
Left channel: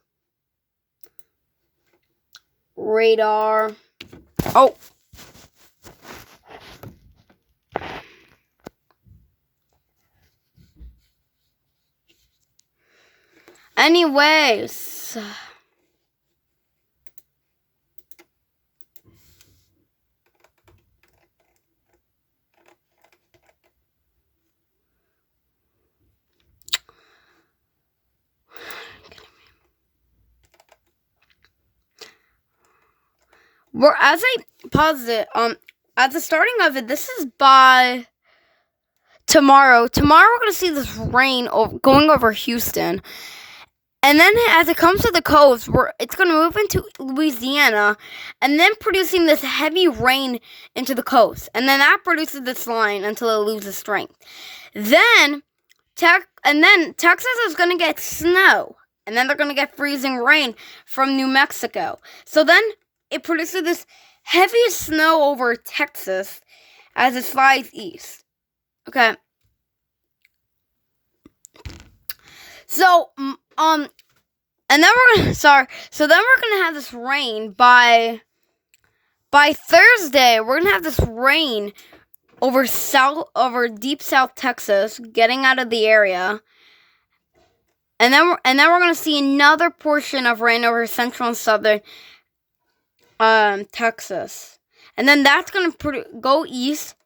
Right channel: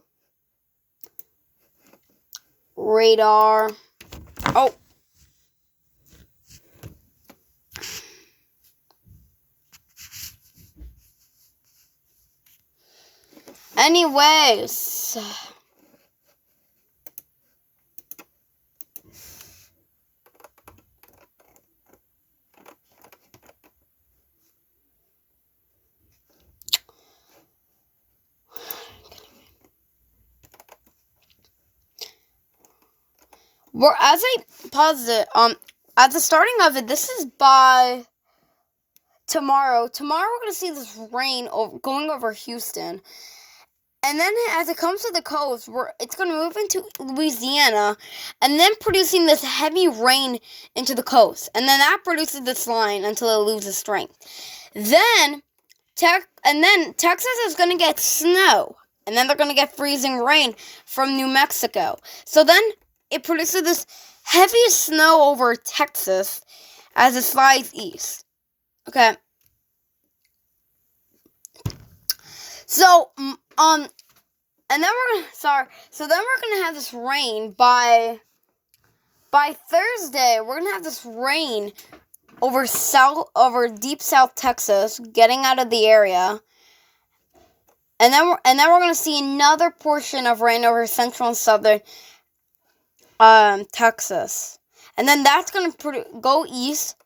Radar. Oh. Anyways. As I paused it, at the starting of it, this is by tomorrow. Tomorrow we're going to see this rain going over Houston. And then as it comes to the coast, it's going to move into Louisiana and then producing this heavy rain into the coast. And then that produces this line until it loses strength. Then Texas is going to get snow. And then they're going to get freezing rain from New Mexico. So then it produces this heavy snow over Texas as it slides east. Okay. So, and then we're gonna have this rain by Thursday. We're gonna have this rain over deep South Texas, getting out of the area, and then we're gonna see another portion of rain over central and southern Texas, and then that's gonna go east,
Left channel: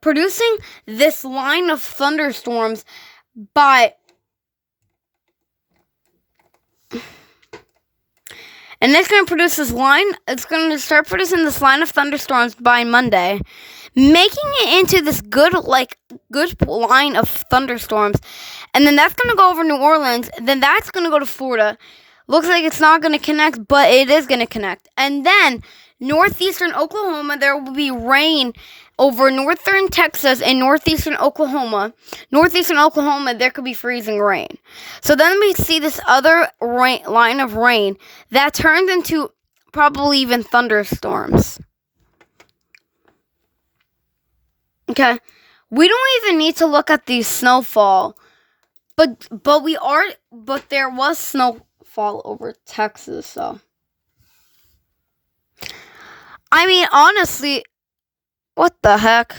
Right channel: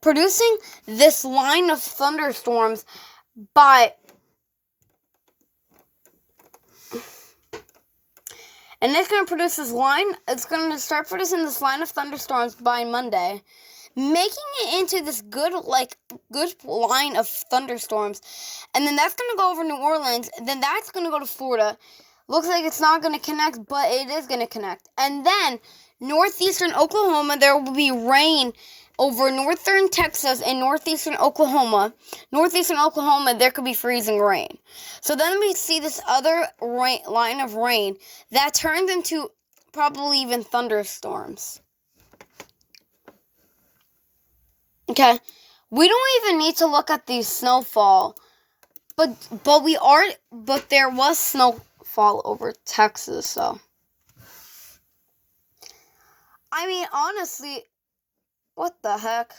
producing this line of thunderstorms And it's going to produce this line. It's going to start producing this line of thunderstorms by Monday, making it into this good line of thunderstorms. And then that's going to go over New Orleans. Then that's going to go to Florida. Looks like it's not going to connect, but it is going to connect. And then northeastern Oklahoma, there will be rain over northern Texas and northeastern Oklahoma. Northeastern Oklahoma, there could be freezing rain. So then we see this other line of rain that turns into probably even thunderstorms. Okay, we don't even need to look at the snowfall, but there was snowfall over Texas, so. I mean, honestly, what the heck?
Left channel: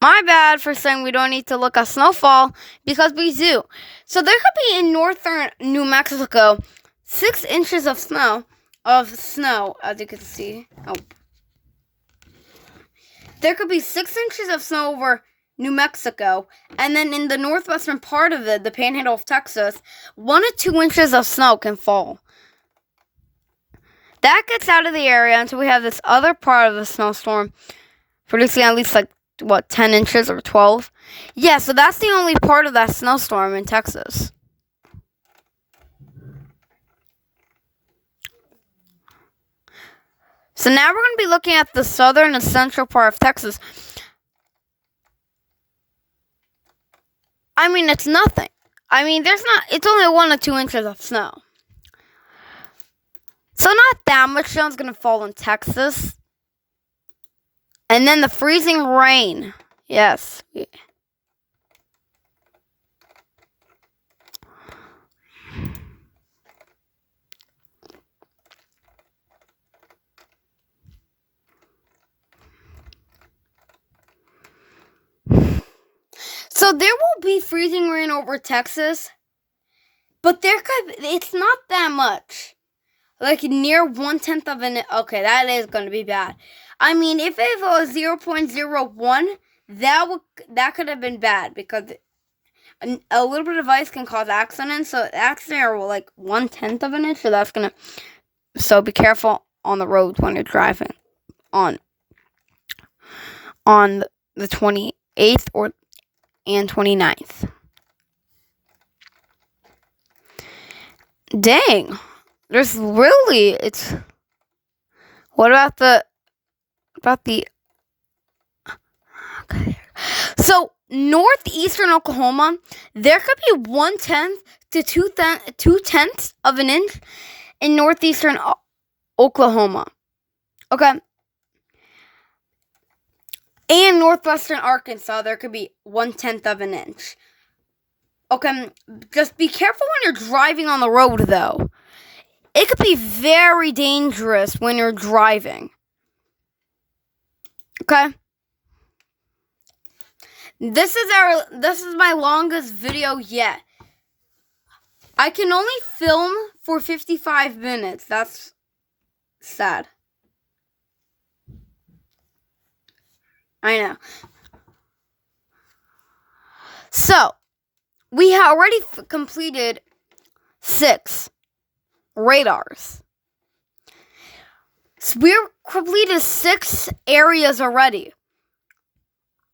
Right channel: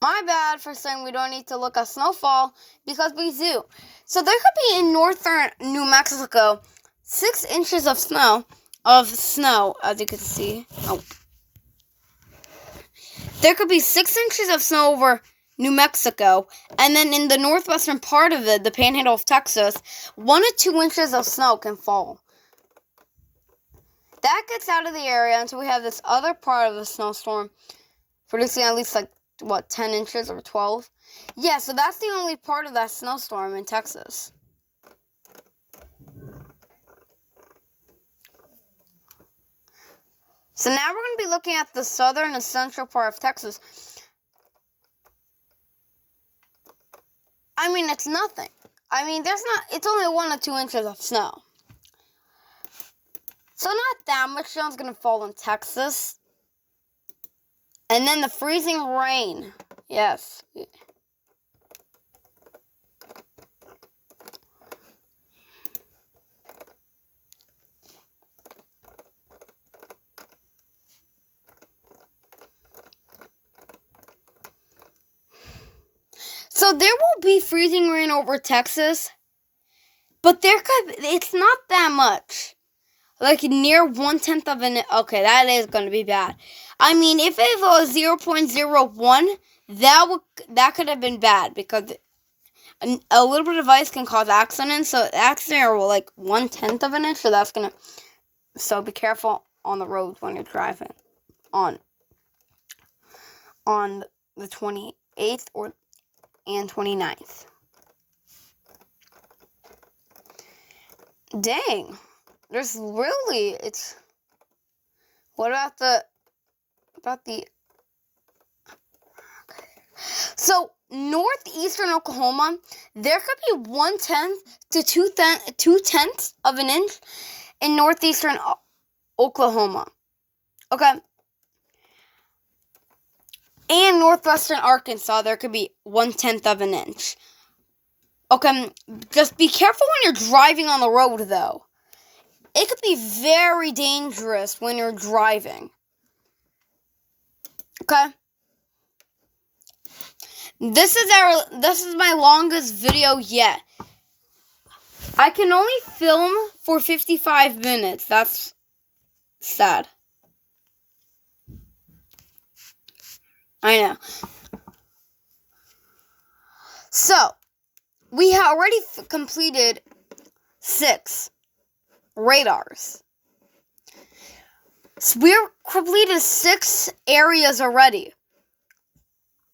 My bad for saying we don't need to look at snowfall, because we do. So there could be in northern New Mexico 6 inches of snow, as you can see. Oh. There could be 6 inches of snow over New Mexico, and then in the northwestern part of it, the panhandle of Texas, 1 to 2 inches of snow can fall. That gets out of the area until we have this other part of the snowstorm producing at least 10 inches or 12? Yeah, so that's the only part of that snowstorm in Texas. So now we're going to be looking at the southern and central part of Texas. I mean, it's nothing. I mean, it's only 1 to 2 inches of snow. So not that much snow is going to fall in Texas. And then the freezing rain. Yes. So there will be freezing rain over Texas, but it's not that much. Near 1/10 of an. Okay, that is going to be bad. I mean, if it was 0.01, that could have been bad, because a little bit of ice can cause accidents. So accidents are 1/10 of an inch. So so be careful on the roads when you're driving on the 28th and 29th. Dang. What about the okay. So northeastern Oklahoma, there could be 1/10 to 2/10 of an inch in northeastern Oklahoma. Okay. And northwestern Arkansas, there could be 1/10 of an inch. Okay, just be careful when you're driving on the road, though. It could be very dangerous when you're driving. Okay. This is my longest video yet. I can only film for 55 minutes. That's sad. I know. So, we have already completed 6 radars. So we're completed 6 areas already.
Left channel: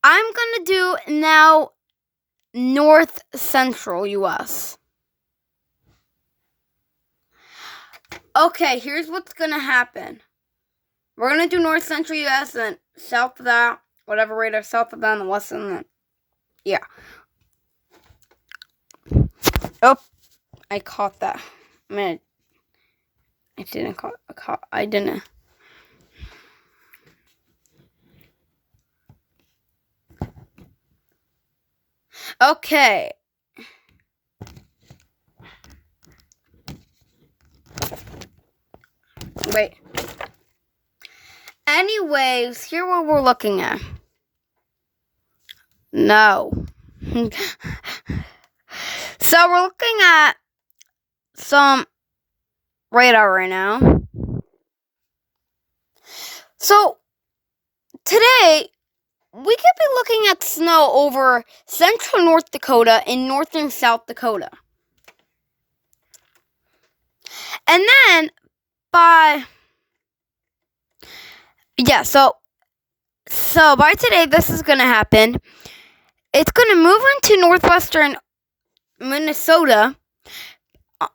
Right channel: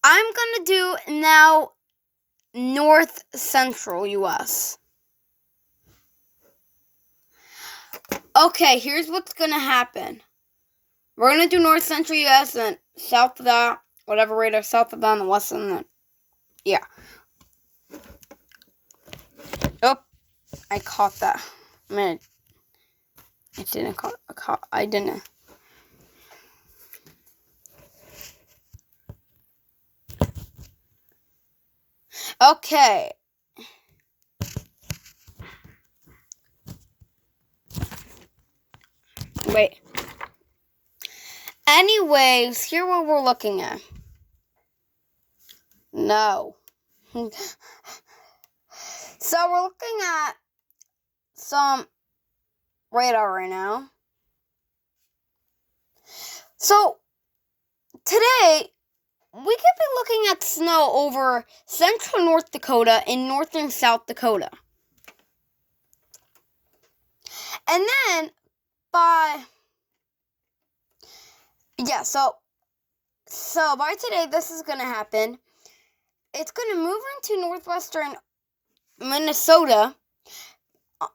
I'm going to do now North Central US. Okay, here's what's going to happen. We're going to do North Central US and south of that, whatever radar, south of that and west of that. Yeah. Oh, I caught that. Man, I didn't I didn't. Okay. Wait. Anyways, here what we're looking at. No. So we're looking at some radar right now. So today we could be looking at snow over central North Dakota and northern South Dakota. And then so by today this is going to happen. It's going to move into northwestern Minnesota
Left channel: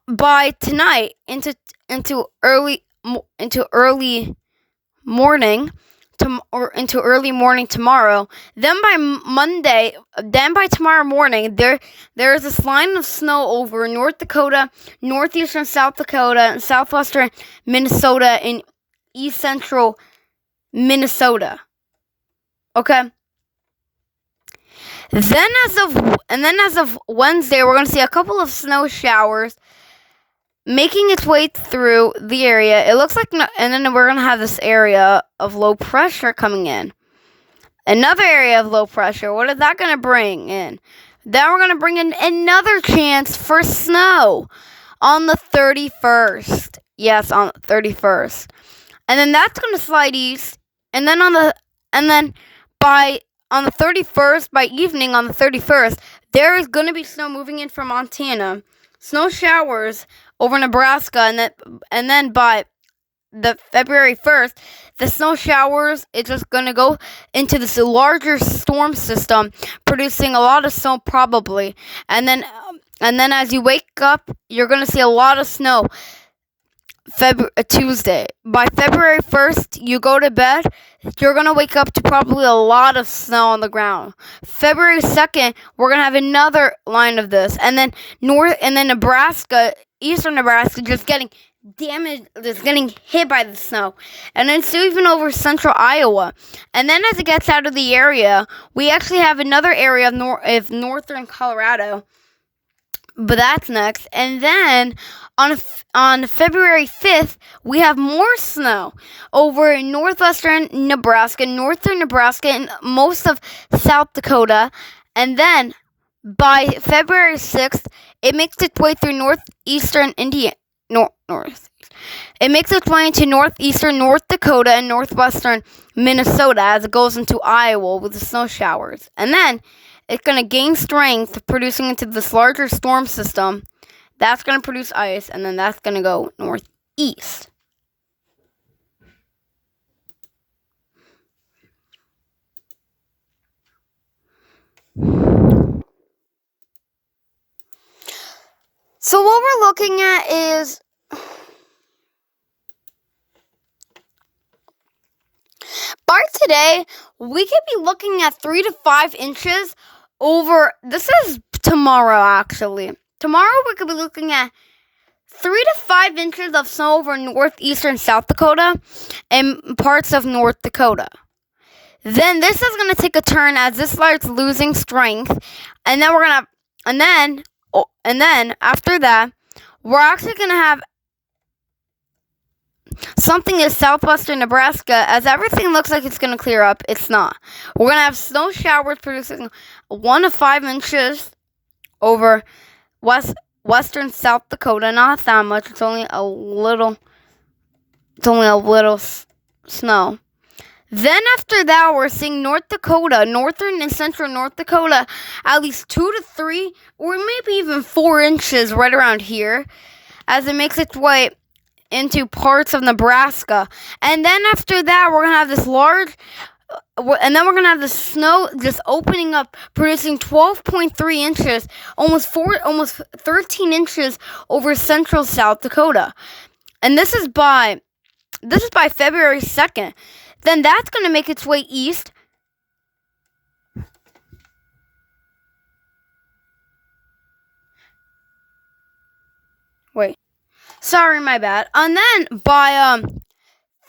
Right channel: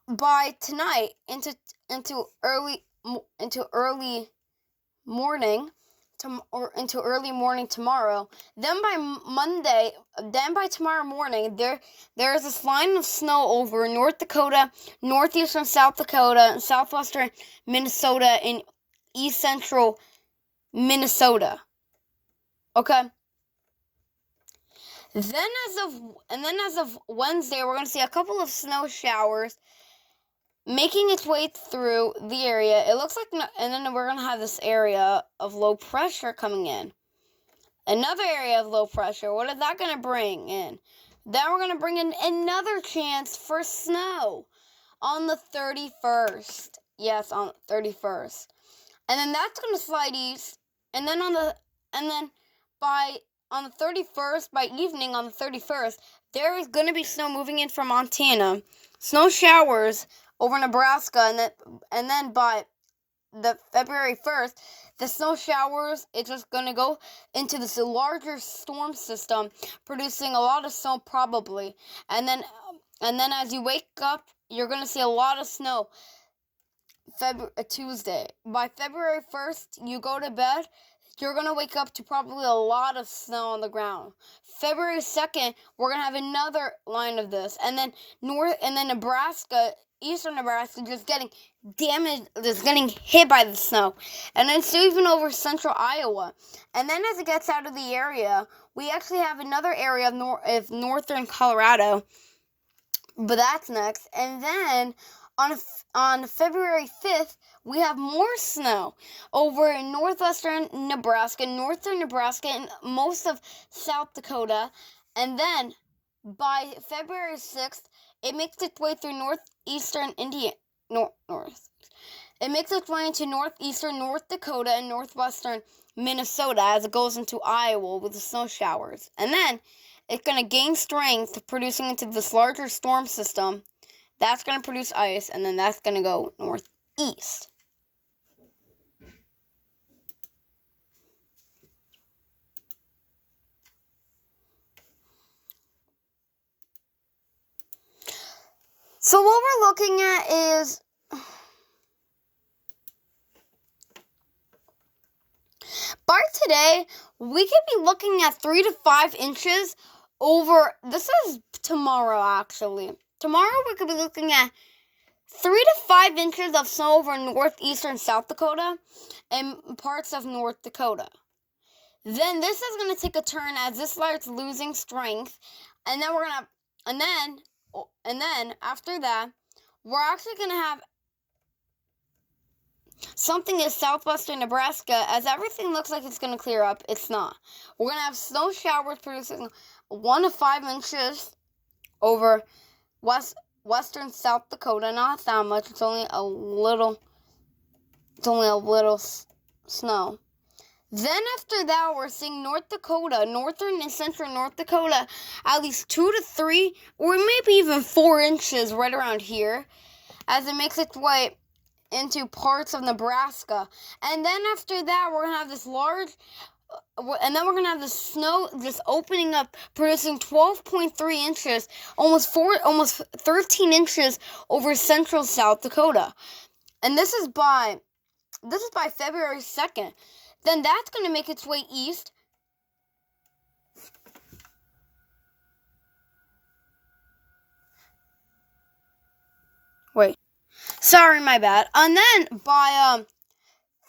by tonight into early morning into early morning tomorrow. Then by tomorrow morning, there is this line of snow over North Dakota, northeastern South Dakota, and southwestern Minnesota, and east central Minnesota. Okay. Then as of Wednesday, we're going to see a couple of snow showers making its way through the area. It looks like, and then we're going to have this area of low pressure coming in. Another area of low pressure. What is that going to bring in? Then we're going to bring in another chance for snow on the 31st. Yes, on the 31st. And then that's going to slide east. And then on the 31st, by evening on the 31st, there is going to be snow moving in from Montana. Snow showers over Nebraska, and then by the February 1st, the snow showers is just going to go into this larger storm system, producing a lot of snow probably. And then as you wake up, you're going to see a lot of snow Tuesday. By February 1st, you go to bed, you're going to wake up to probably a lot of snow on the ground. February 2nd, we're going to have another line of this. And then Nebraska, eastern Nebraska, just getting damaged, just getting hit by the snow. And then it's even over central Iowa. And then as it gets out of the area, we actually have another area of northern Colorado. But that's next. And then on February 5th, we have more snow over northwestern Nebraska, northern Nebraska, and most of South Dakota. And then by February 6th, it makes its way through northeastern It makes its way into northeastern North Dakota and northwestern Minnesota as it goes into Iowa with the snow showers. And then it's going to gain strength, producing into this larger storm system. That's going to produce ice, and then that's going to go northeast. So what we're looking at is by today, we could be looking at 3 to 5 inches over. This is tomorrow, actually. Tomorrow, we could be looking at 3 to 5 inches of snow over northeastern South Dakota and parts of North Dakota. Then this is going to take a turn as this starts losing strength, and then after that, we're actually going to have something is southwestern Nebraska, as everything looks like it's going to clear up. It's not. We're going to have snow showers producing 1 to 5 inches over western South Dakota. Not that much. It's only a little. It's only a little snow. Then after that, we're seeing North Dakota, northern and central North Dakota, at least 2 to 3, or maybe even 4 inches right around here, as it makes its way into parts of Nebraska. And then after that, we're going to have this large, and then we're going to have the snow just opening up, producing 12.3 inches, almost 13 inches over central South Dakota. And this is by February 2nd. Then that's going to make its way east. Wait. Sorry, my bad. And then by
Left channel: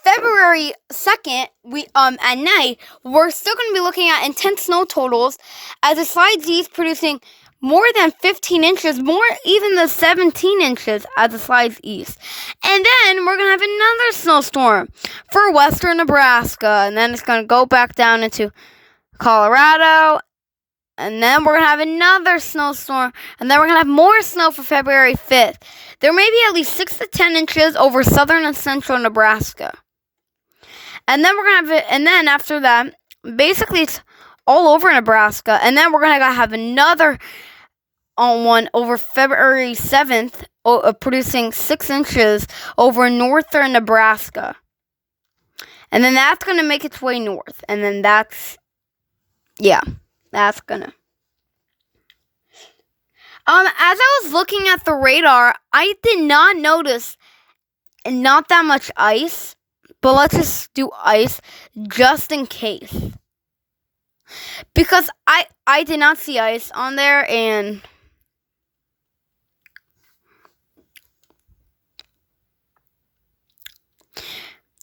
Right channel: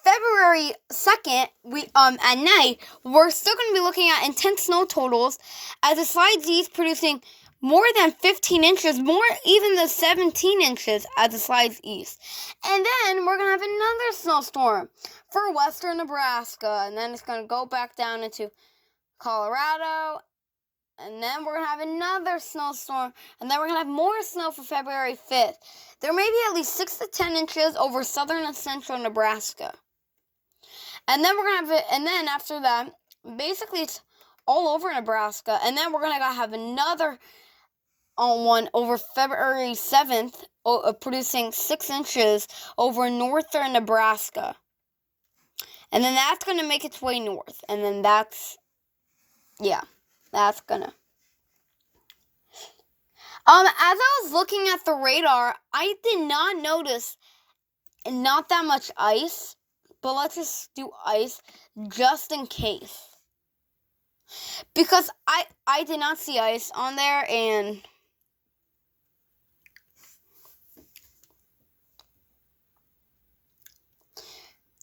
February 2nd, we at night, we're still going to be looking at intense snow totals as it slides east, producing more than 15 inches, more even than 17 inches as it slides east. And then we're going to have another snowstorm for western Nebraska. And then it's going to go back down into Colorado. And then we're going to have another snowstorm. And then we're going to have more snow for February 5th. There may be at least 6 to 10 inches over southern and central Nebraska. And then we're going to have it. And then after that, basically it's all over Nebraska. And then we're going to have another one over February 7th, producing 6 inches over northern Nebraska. And then that's going to make its way north. And then that's going to. As I was looking at the radar, I did not notice not that much ice. But let's just do ice just in case. Because I did not see ice on there, and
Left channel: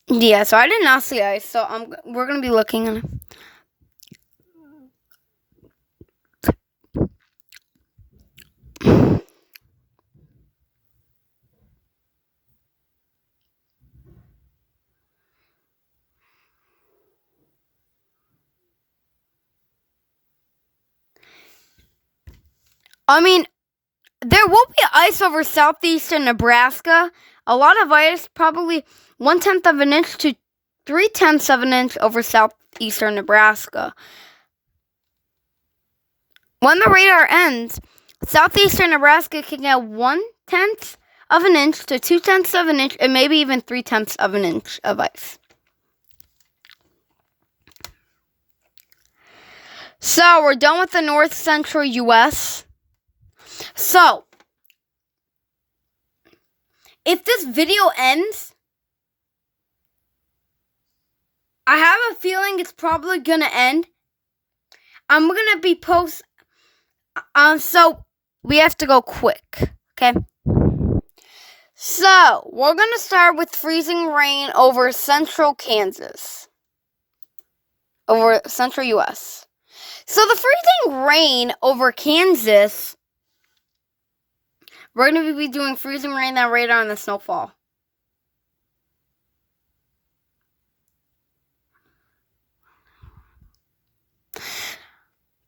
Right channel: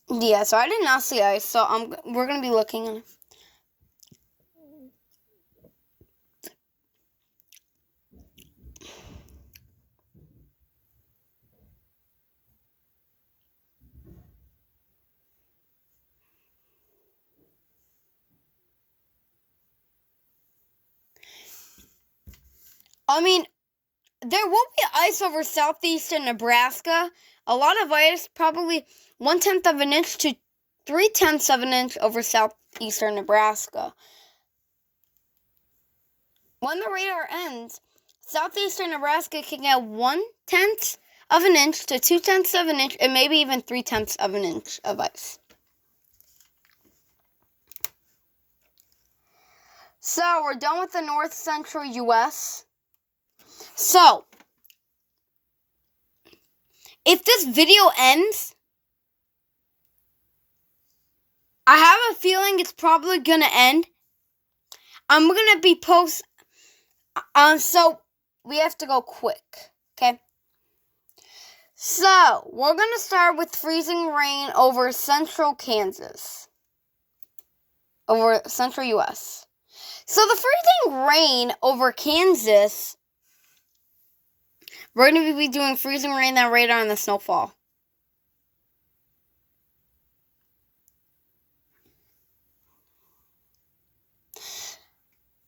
yeah, so I did not see ice. So we're going to be looking in. I mean, there will be ice over southeastern Nebraska. A lot of ice, probably 1/10 of an inch to 3/10 of an inch over southeastern Nebraska. When the radar ends, southeastern Nebraska can get 1/10 of an inch to 2/10 of an inch, and maybe even 3/10 of an inch of ice. So we're done with the north central U.S. So, if this video ends, I have a feeling it's probably going to end. I'm going to be so we have to go quick, okay? So, we're going to start with freezing rain over central Kansas, over central U.S. So, the freezing rain over Kansas, we're going to be doing freezing rain, that radar, and the snowfall.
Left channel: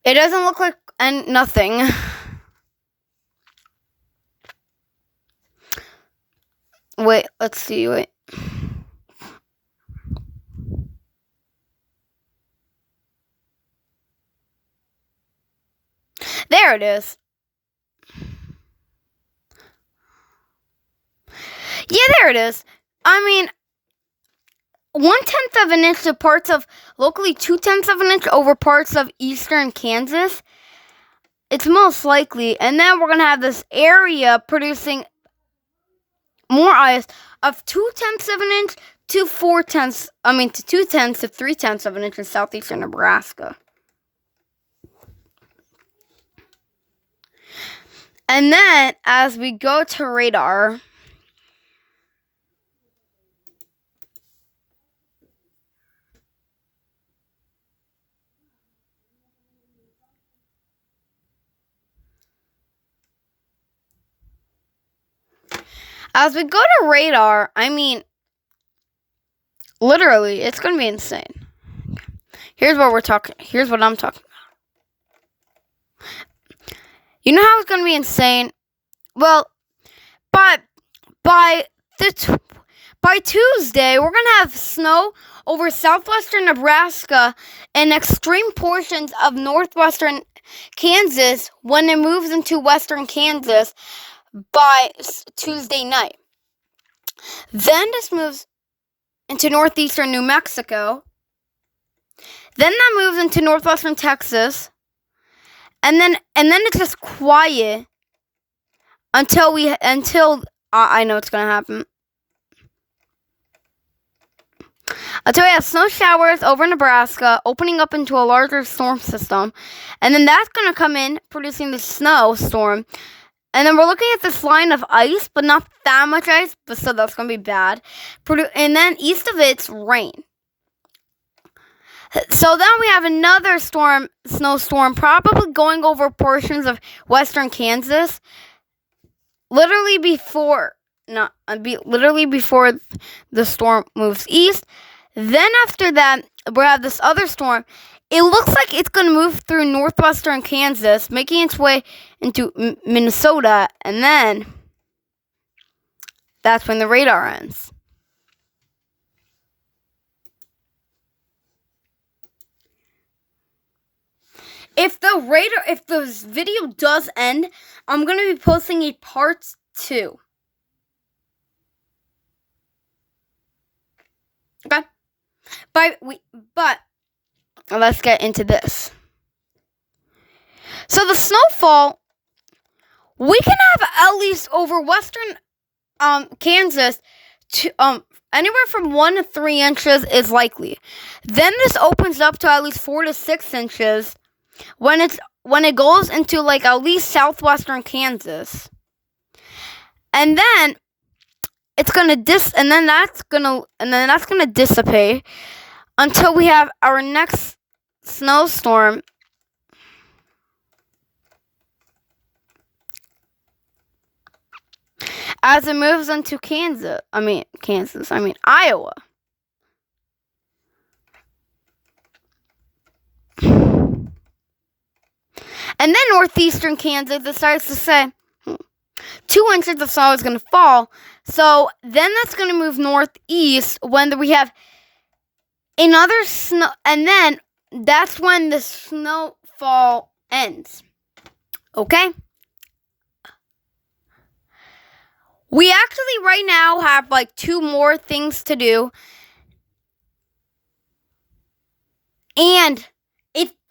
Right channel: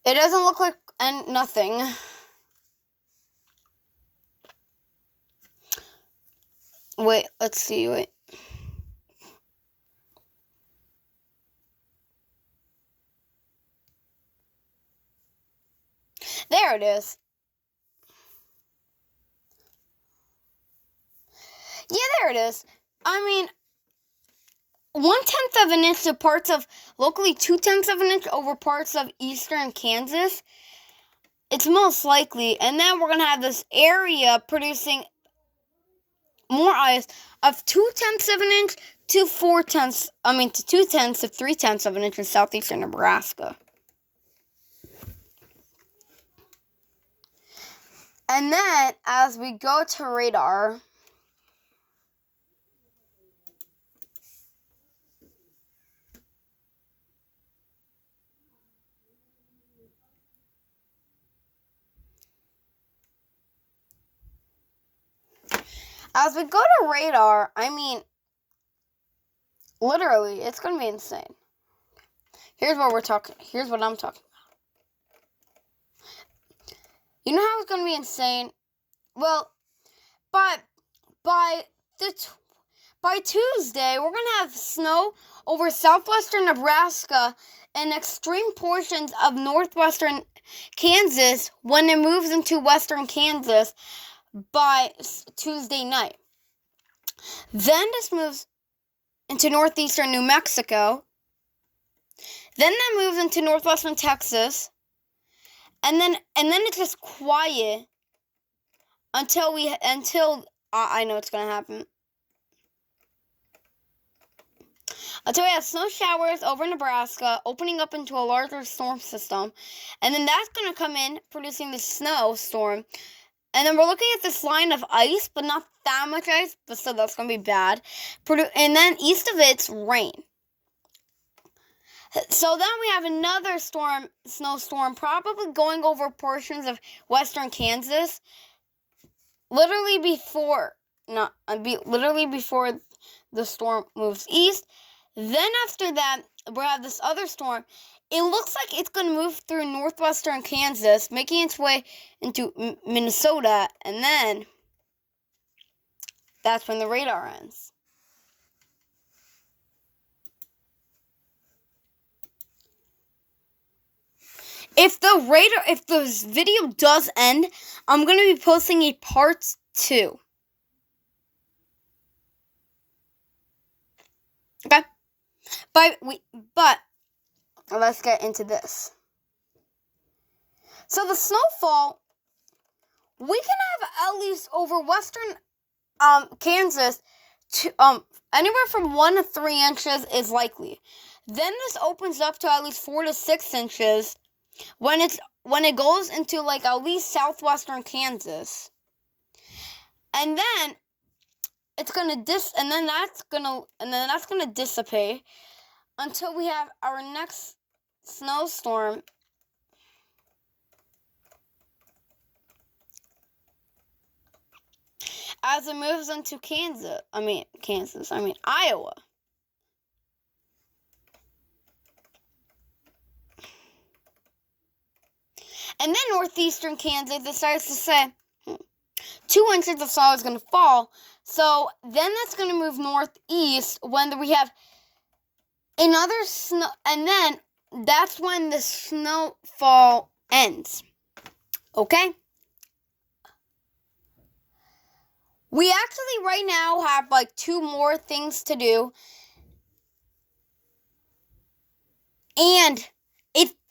It doesn't look like nothing. Wait, let's see, wait. There it is. Yeah, there it is. I mean, 1/10 of an inch to parts of, locally 2/10 of an inch over parts of eastern Kansas. It's most likely. And then we're going to have this area producing more ice of 2/10 of an inch to 2/10 to 3/10 of an inch in southeastern Nebraska. And then, as we go to radar, I mean, Literally, it's going to be insane. Here's what I'm talking about. You know how it's going to be insane? Well, by Tuesday, we're going to have snow over southwestern Nebraska and extreme portions of northwestern Kansas when it moves into western Kansas by Tuesday night. Then this moves into northeastern New Mexico. Then that moves into northwestern Texas. And then it's just quiet until I know it's going to happen. Until we have snow showers over Nebraska, opening up into a larger storm system. And then that's going to come in, producing the snowstorm. And then we're looking at this line of ice, but not that much ice, but still that's going to be bad. And then east of it's rain. So then we have another snowstorm, probably going over portions of western Kansas. Literally before the storm moves east. Then after that, we have this other storm. It looks like it's going to move through northwestern Kansas, making its way into Minnesota, and then that's when the radar ends. If the video does end, I'm going to be posting a part 2. Okay? But let's get into this. So the snowfall, we can have at least over western Kansas to anywhere from 1 to 3 inches is likely. Then this opens up to at least 4 to 6 inches when it goes into like at least southwestern Kansas. And then it's gonna that's gonna dissipate until we have our next snowstorm as it moves into Iowa. And then northeastern Kansas, it starts to say 2 inches of snow is going to fall. So then that's going to move northeast when we have another snow. And then that's when the snowfall ends. Okay? We actually right now have like 2 more things to do. And if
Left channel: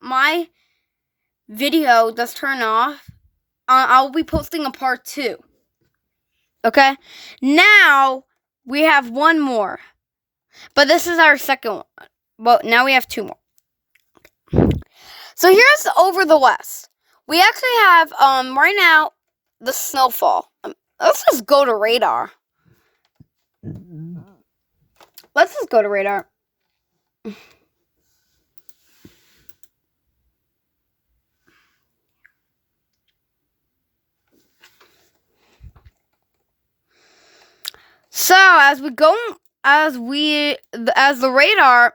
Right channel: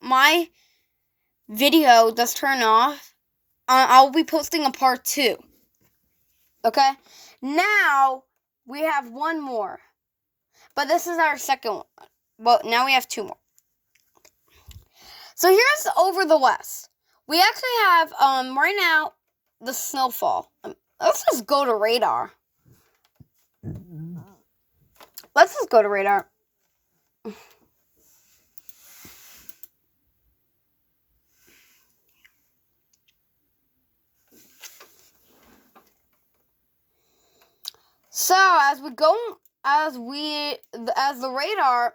my video does turn off, I'll be posting a part 2. Okay? Now, we have 1 more. But this is our second one. Well, now we have 2 more. So here's over the west. We actually have, right now, the snowfall. Let's just go to radar. So as the radar,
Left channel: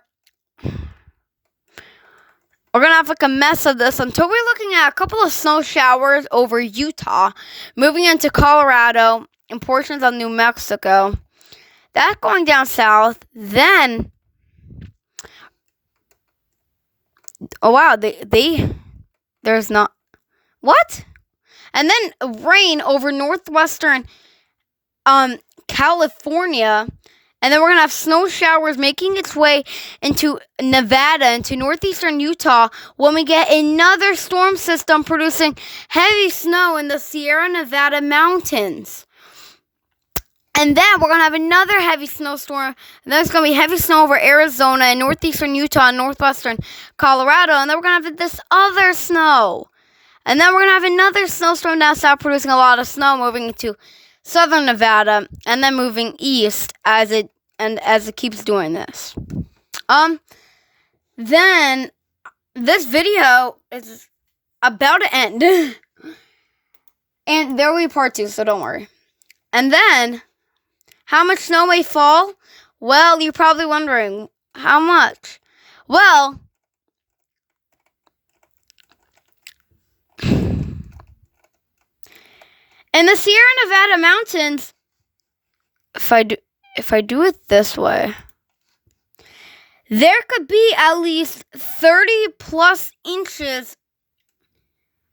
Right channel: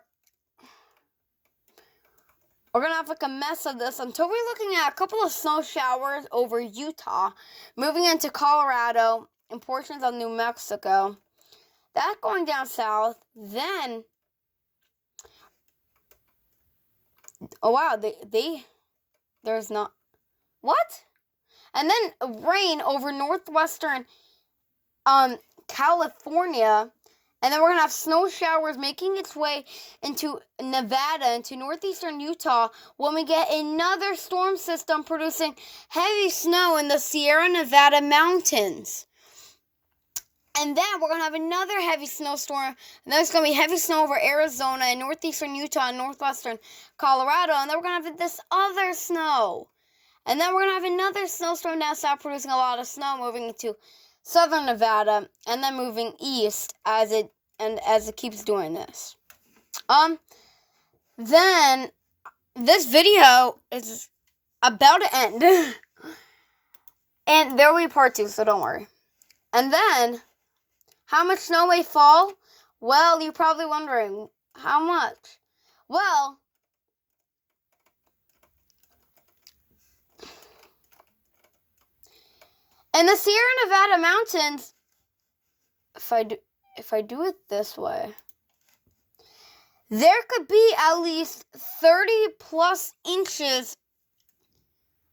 we're gonna have like a mess of this until we're looking at a couple of snow showers over Utah, moving into Colorado and portions of New Mexico. That's going down south. Then, oh wow, there's not what? And then rain over northwestern California, and then we're gonna have snow showers making its way into Nevada, into northeastern Utah, when we get another storm system producing heavy snow in the Sierra Nevada mountains. And then we're gonna have another heavy snowstorm, and then there's gonna be heavy snow over Arizona and northeastern Utah and northwestern Colorado, and then we're gonna have this other snow. And then we're gonna have another snowstorm down south producing a lot of snow moving into southern Nevada, and then moving east as it keeps doing this. Then this video is about to end. And there will be part 2, so don't worry. And then how much snow may fall? Well, you're probably wondering, how much? Well, in the Sierra Nevada mountains, if I do it this way, there could be at least 30 plus inches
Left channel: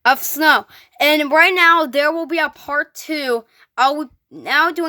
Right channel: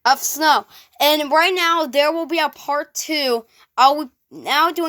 of snow. And right now, there will be a part 2. I'll be now doing